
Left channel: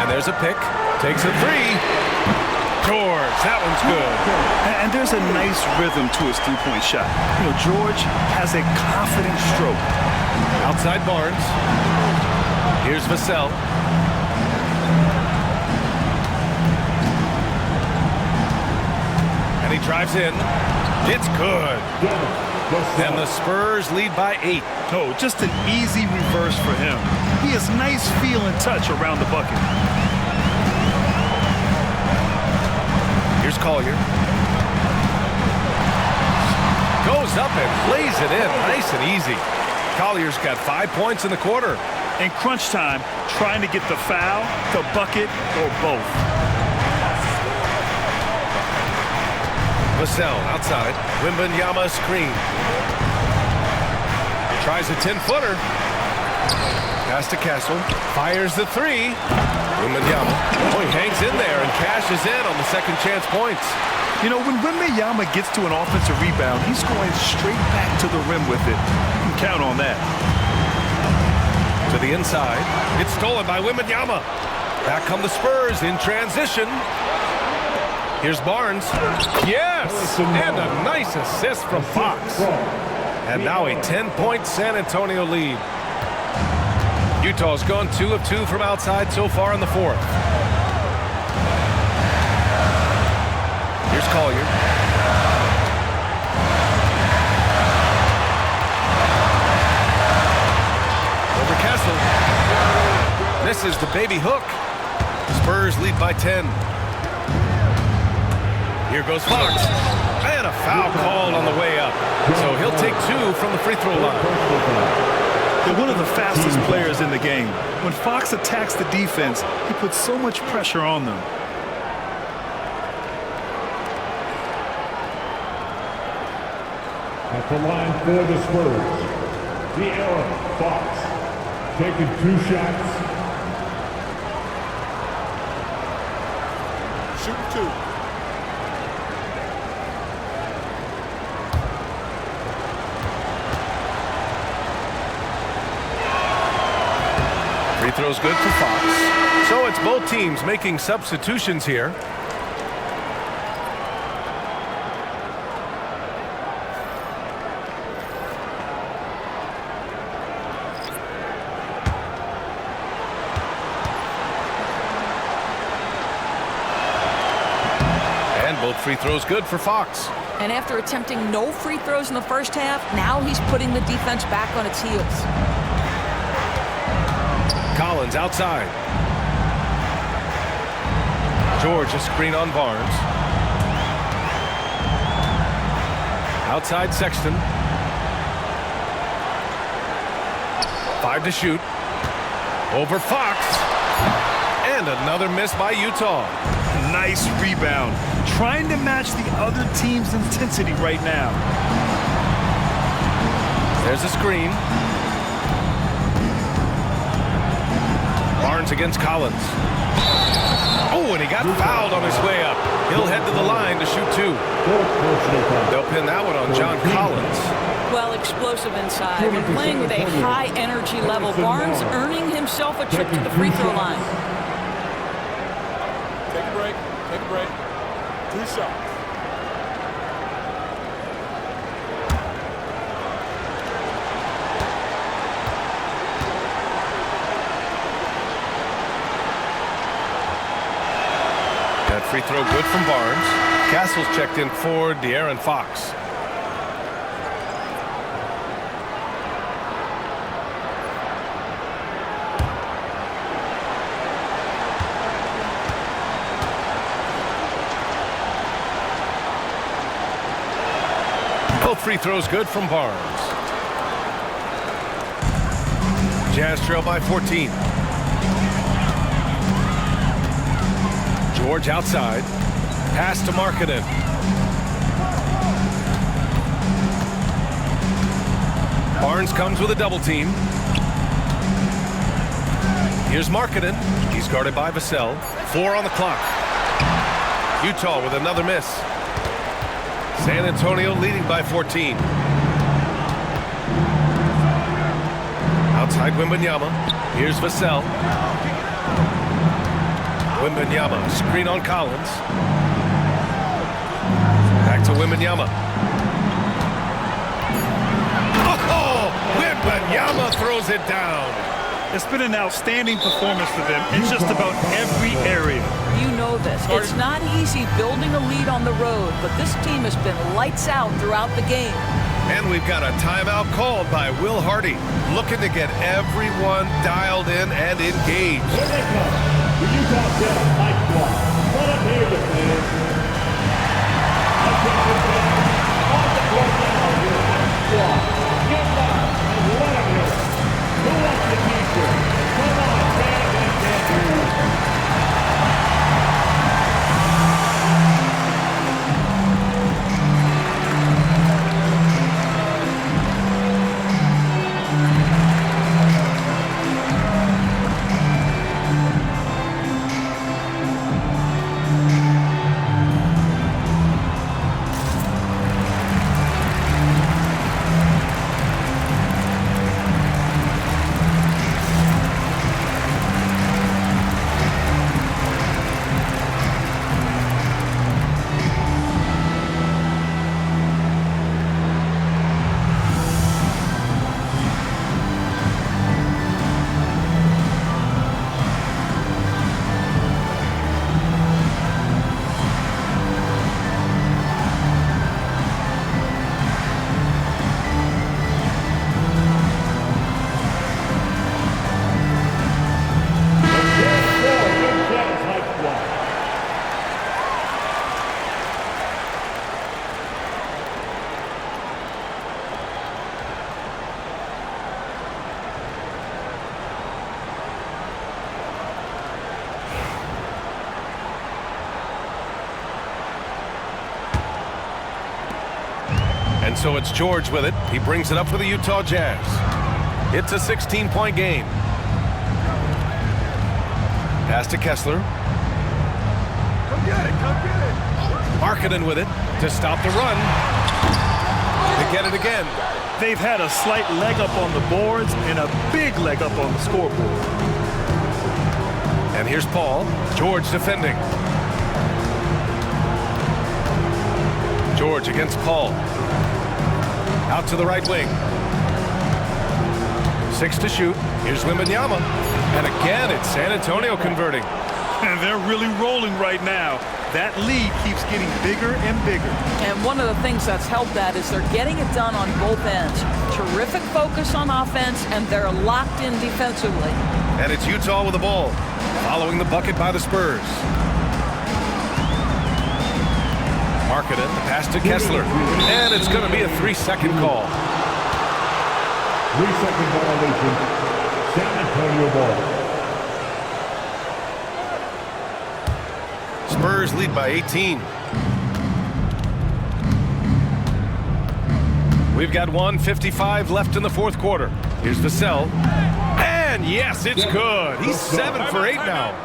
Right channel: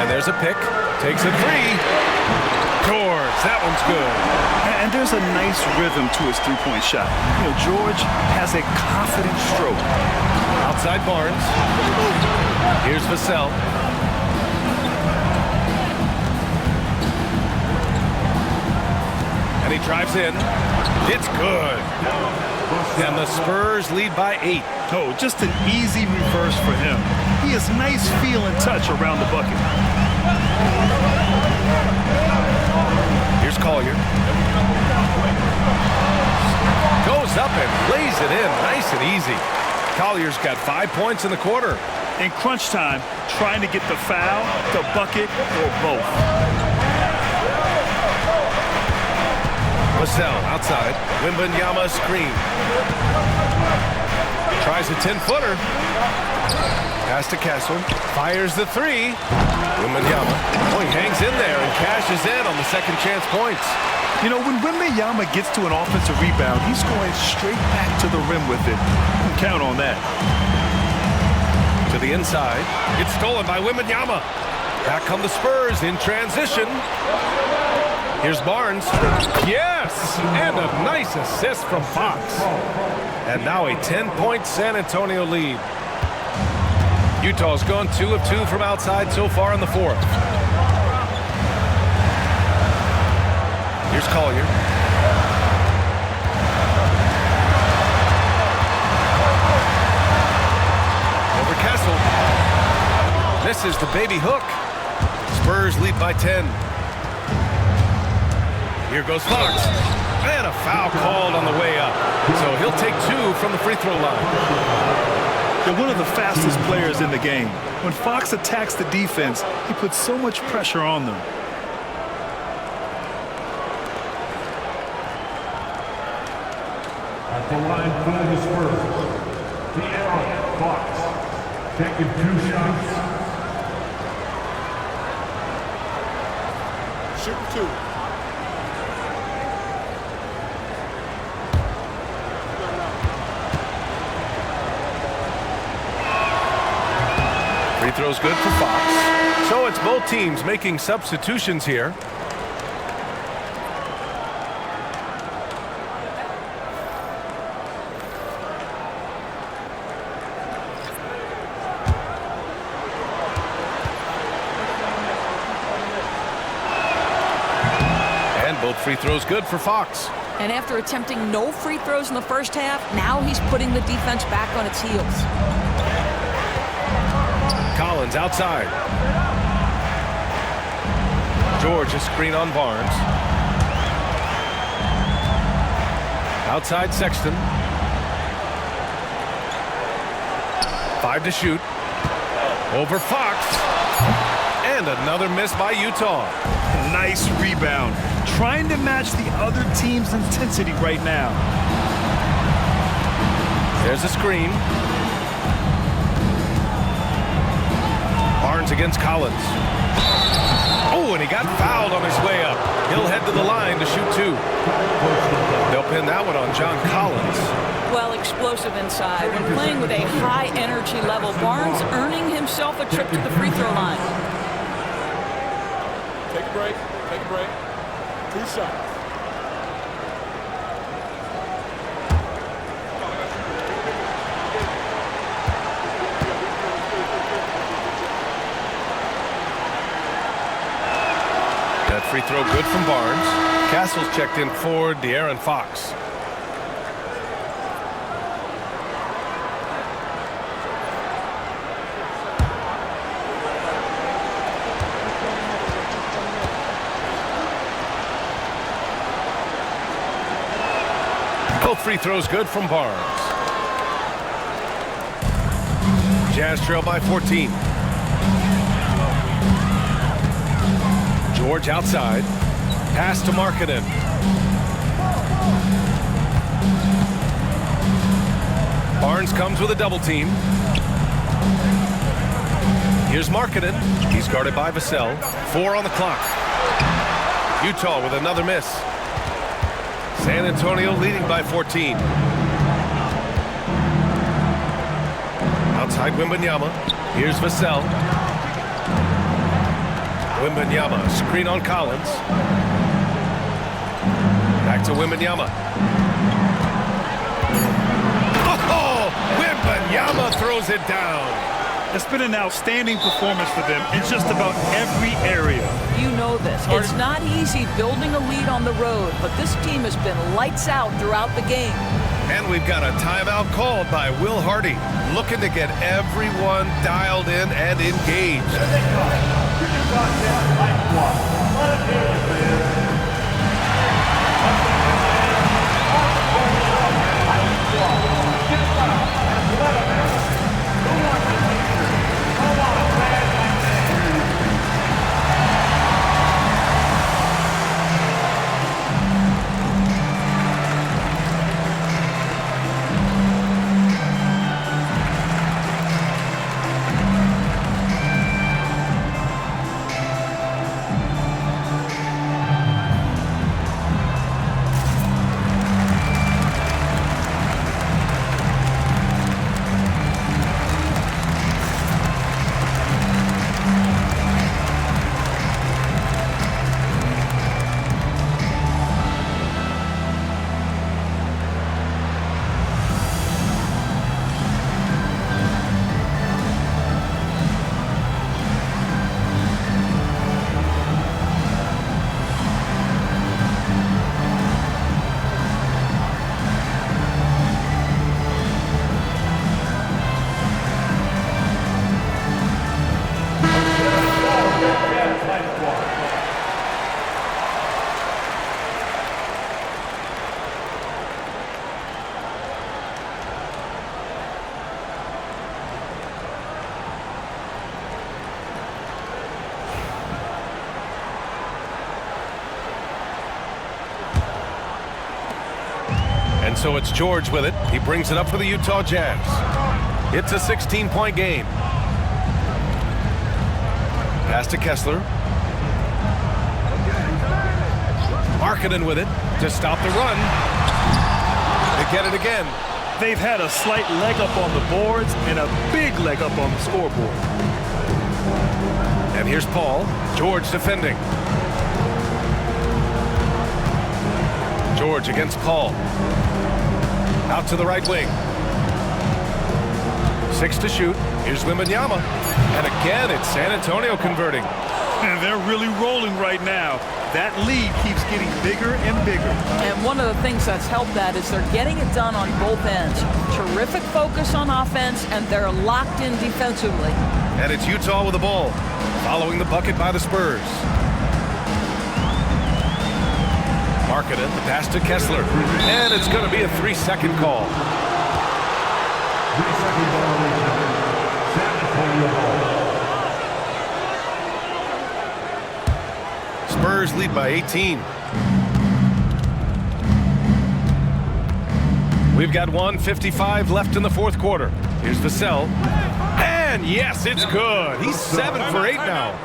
And there's a pick. Takes a 3. George, that one's good. And there's a nice rhythm to his three-point shot. You know, George has a confident stroke. Outside Barnes. Here's Vassell. And he drives in. It's good. And the Spurs lead by 8. Oh, just an easy reverse for him. He has nice feel and touch around the bucket. Here's Collier. Goes up and lays it in nice and easy. Collier's got 5 points in the quarter. In crunch time, trying to get the foul, the bucket, or both. Vassell outside. Wembanyama screen. Tries a 10-footer. Pass to Castle. Fires the 3. Wembanyama. Oh, he hangs in there and cashes in on the second chance points. You know, when Wembanyama gets to an offensive rebound, he's going straight back to the rim with it. You can count on that. To the inside. It's stolen by Wembanyama. Back come the Spurs in transition. Here's Barnes. Yes! And a nice assist from Fox. And now a 10-point San Antonio lead. Utah's gone 2 of 2 from outside so far in the fourth. Here's Collier. Over Kessel. Misses the baby hook. Spurs lead by 10. Here goes Fox. And a foul called on the way up. So he'll take 2 from the free throw line. They're one of the fastest players in the game. When Fox attacks the defense, he puts so much pressure on them. At the line for the Spurs, De'Aaron Fox, taking 2 shots. Shooting 2. Free throw's good for Fox. So it's both teams making substitutions here. And both free throws good for Fox. And after attempting no free throws in the first half, now he's putting the defense back on its heels. Collins outside. George a screen on Barnes. Outside Sexton. 5 to shoot. Over Fox. And another miss by Utah. Nice rebound. Trying to match the other team's intensity right now. There's a screen. Barnes against Collins. Oh, and he got fouled on his way up. He'll head to the line to shoot 2. They'll pin that one on John Collins. Well, explosive inside. When playing with a high energy level, Barnes earning himself a trip to the free throw line. Take a break. Take a break. 2 shots. That free throw good from Barnes. Castle's checked in for De'Aaron Fox. Both free throws good from Barnes. Jazz trail by 14. George outside. Pass to Markkanen. Barnes comes with a double team. Here's Markkanen. He's guarded by Vassell. 4 on the clock. Utah with another miss. San Antonio leading by 14. Outside Wembanyama. Here's Vassell. Wembanyama, screen on Collins. Back to Wembanyama. Oh, Wembanyama throws it down. It's been an outstanding performance for them in just about every area. You know this. It's not easy building a lead on the road, but this team has been lights out throughout the game. And we've got a timeout called by Will Hardy, looking to get everyone dialed in and engaged. Here they come. The Utah Jazz high squad. Let him hear you, fans. On the court now, your high squad. Get loud and let him hear it. Who wants the t-shirt? Come on, man. I can't hear you. And so it's George with it. He brings it up for the Utah Jazz. It's a 16-point game. Pass to Kessler. Come get it. Markkanen with it to stop the run. They get it again. They've had a slight leg up on the boards and a big leg up on the scoreboard. And here's Paul. George defending. George against Paul. Out to the right wing. 6 to shoot. Here's Wembanyama. And again, it's San Antonio converting. And they're really rolling right now. That lead keeps getting bigger and bigger. And one of the things that's helped that is they're getting it done on both ends. Terrific focus on offense, and they're locked in defensively. And it's Utah with the ball, following the bucket by the Spurs. Markkanen, the pass to Kessler. And it's going to be a 3-second call. 3-second violation. San Antonio ball. Spurs lead by 18. We've got 1:55 left in the fourth quarter. Here's Vassell. And yes, it's good. He's 7 for 8 now.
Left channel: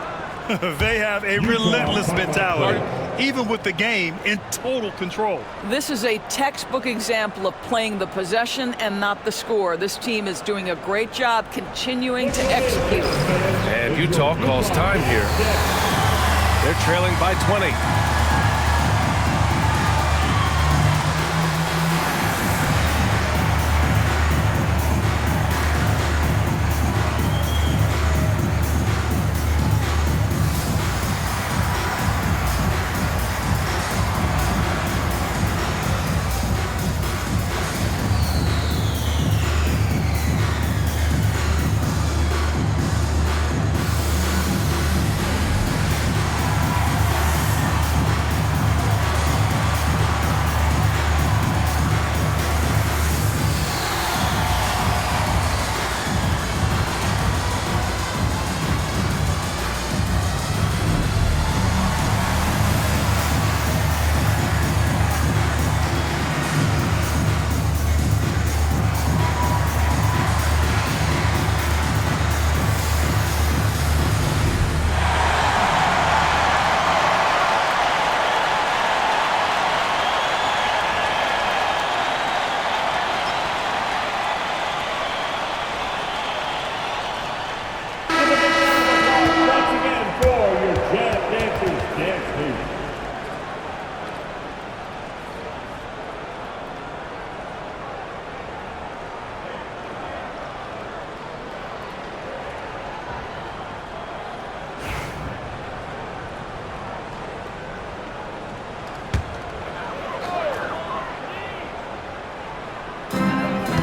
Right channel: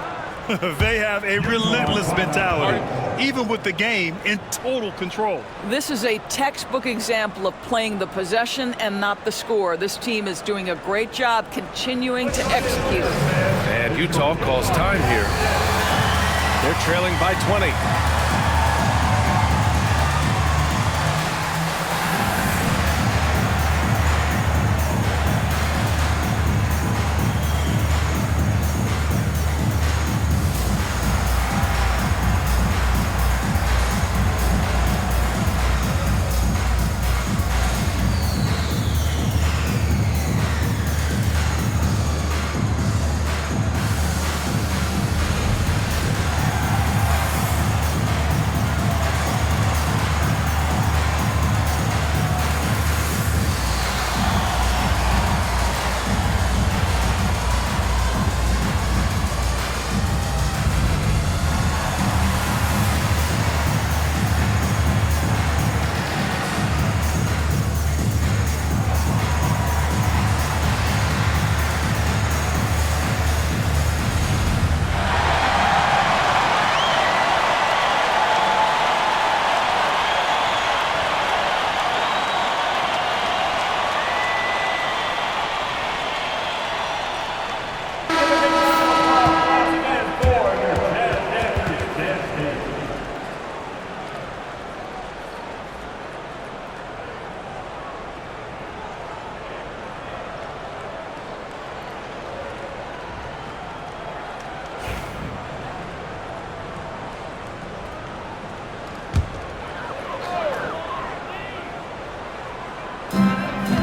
They have a relentless mentality, even with the game in total control. This is a textbook example of playing the possession and not the score. This team is doing a great job continuing to execute. And Utah calls time here. They're trailing by 20.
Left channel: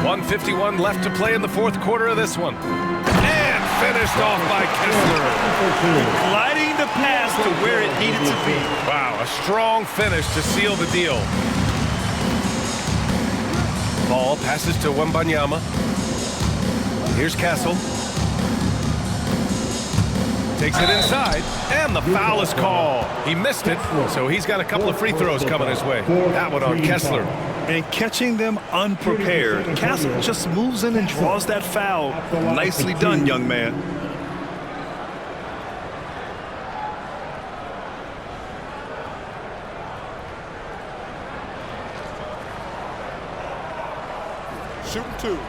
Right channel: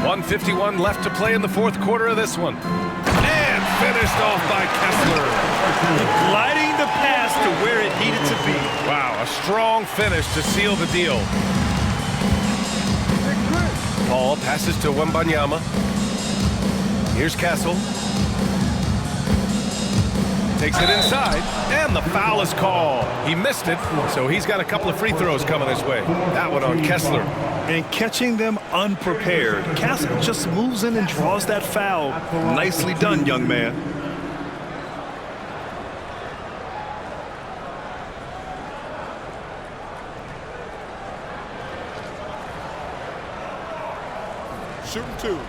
.151 left to play in the fourth quarter of this one. And finished off by Kessler. Gliding the pass to where it needed to be. Wow, a strong finish to seal the deal. Paul passes to Wembanyama. Here's Castle. Takes it inside, and the foul is called. He missed it, so he's got a couple of free throws coming his way. That one on Kessler. And catching them unprepared. Castle just moves in and draws that foul. Nicely done, young man. Shooting 2.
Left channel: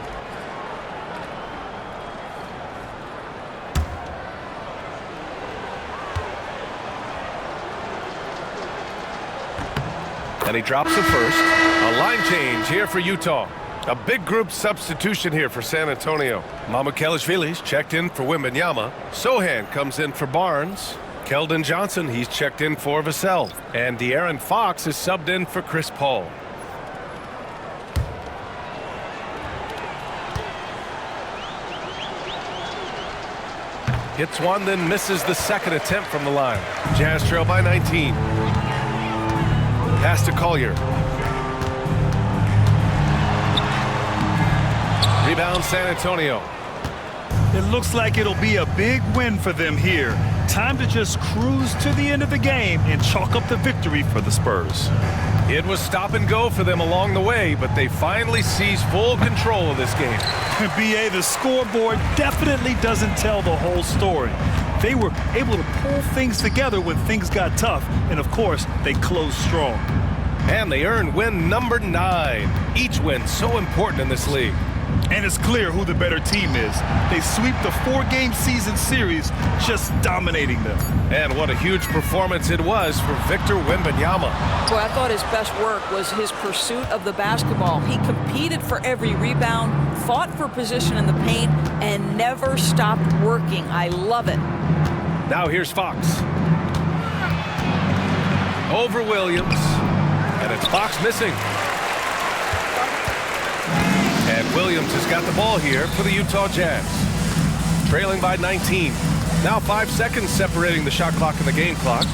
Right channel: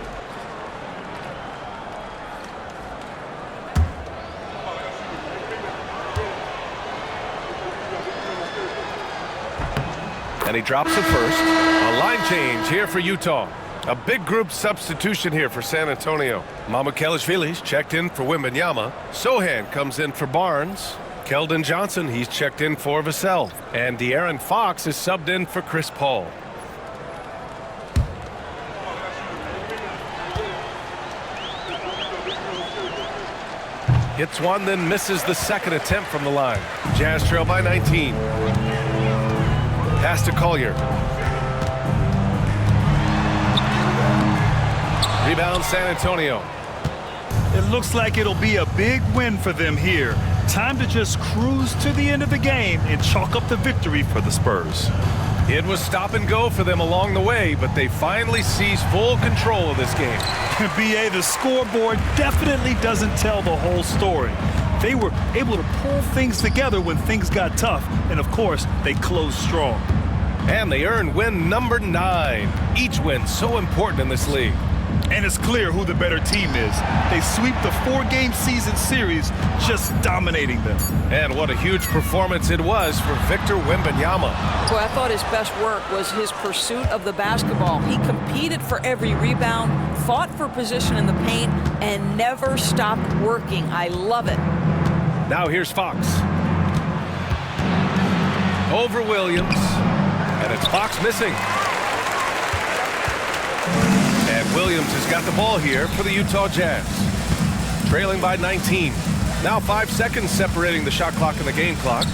And he drops it first. A line change here for Utah. A big group substitution here for San Antonio. Mamukelashvili's checked in for Wembanyama. Sohan comes in for Barnes. Keldon Johnson, he's checked in for Vassell. And De'Aaron Fox is subbed in for Chris Paul. Hits one, then misses the second attempt from the line. Jazz trail by 19. Pass to Collier. Rebound San Antonio. It looks like it'll be a big win for them here. Time to just cruise to the end of the game and chalk up the victory for the Spurs. It was stop and go for them along the way, but they finally seized full control of this game. BA, the scoreboard definitely doesn't tell the whole story. They were able to pull things together when things got tough, and of course, they closed strong. And they earned win number 9. Each win so important in this league. And it's clear who the better team is. They sweep the 4-game season series, just dominating them. And what a huge performance it was for Victor Wembanyama. Boy, I thought his best work was his pursuit of the basketball. He competed for every rebound, fought for position in the paint, and never stopped working. I love it. Now here's Fox. Over Williams. And it's Fox missing. And Williams has got the ball here for the Utah Jazz. Trailing by 19. Now 5 seconds separating the shot clock and the game clock.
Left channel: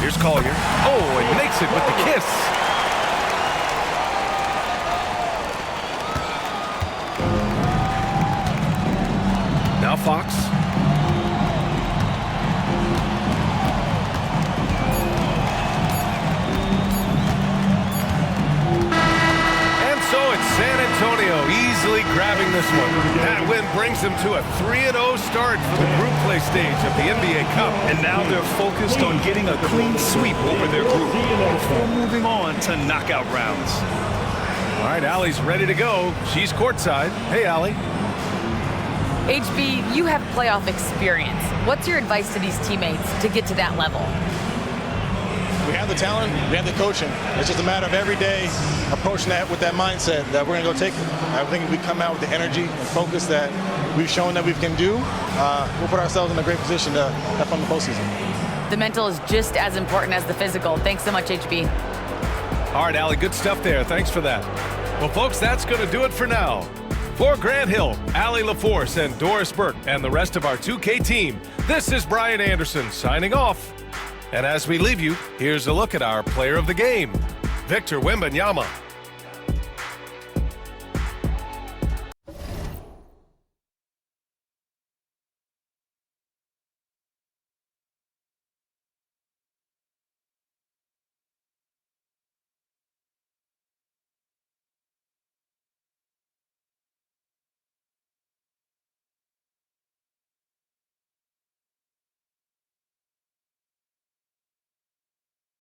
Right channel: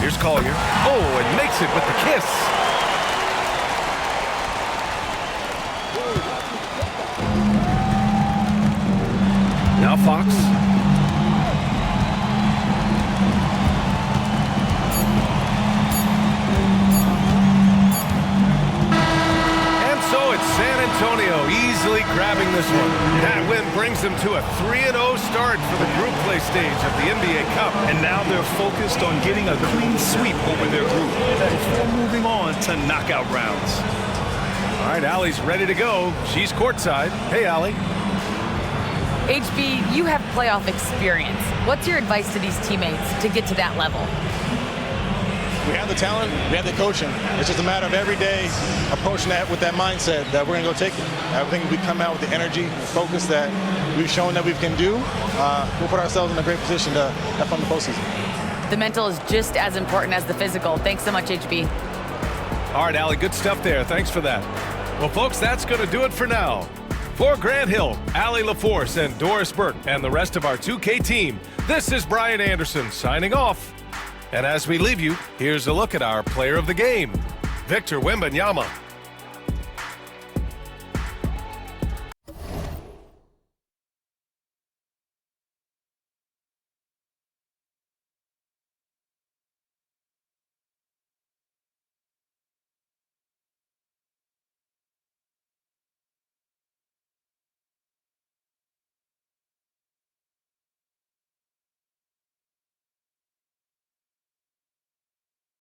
Here's Collier. Oh, and makes it with the kiss. Now Fox. So it's San Antonio easily grabbing this one. That win brings them to a 3-0 start for the group play stage of the NBA Cup. And now they're focused on getting a clean sweep over their group before moving on to knockout rounds. All right, Allie's ready to go. She's courtside. Hey, Allie. HB, you have playoff experience. What's your advice to these teammates to get to that level? We have the talent, we have the coaching. It's just a matter of every day approaching that with that mindset that we're going to go take it. I think we come out with the energy and focus that we've shown that we can do. We'll put ourselves in a great position to have fun in the postseason. The mental is just as important as the physical. Thanks so much, HB. All right, Allie, good stuff there. Thanks for that. Well, folks, that's going to do it for now. For Grant Hill, Allie LaForce, and Doris Burke, and the rest of our 2K team, this is Brian Anderson signing off. And as we leave you, here's a look at our player of the game, Victor Wembanyama.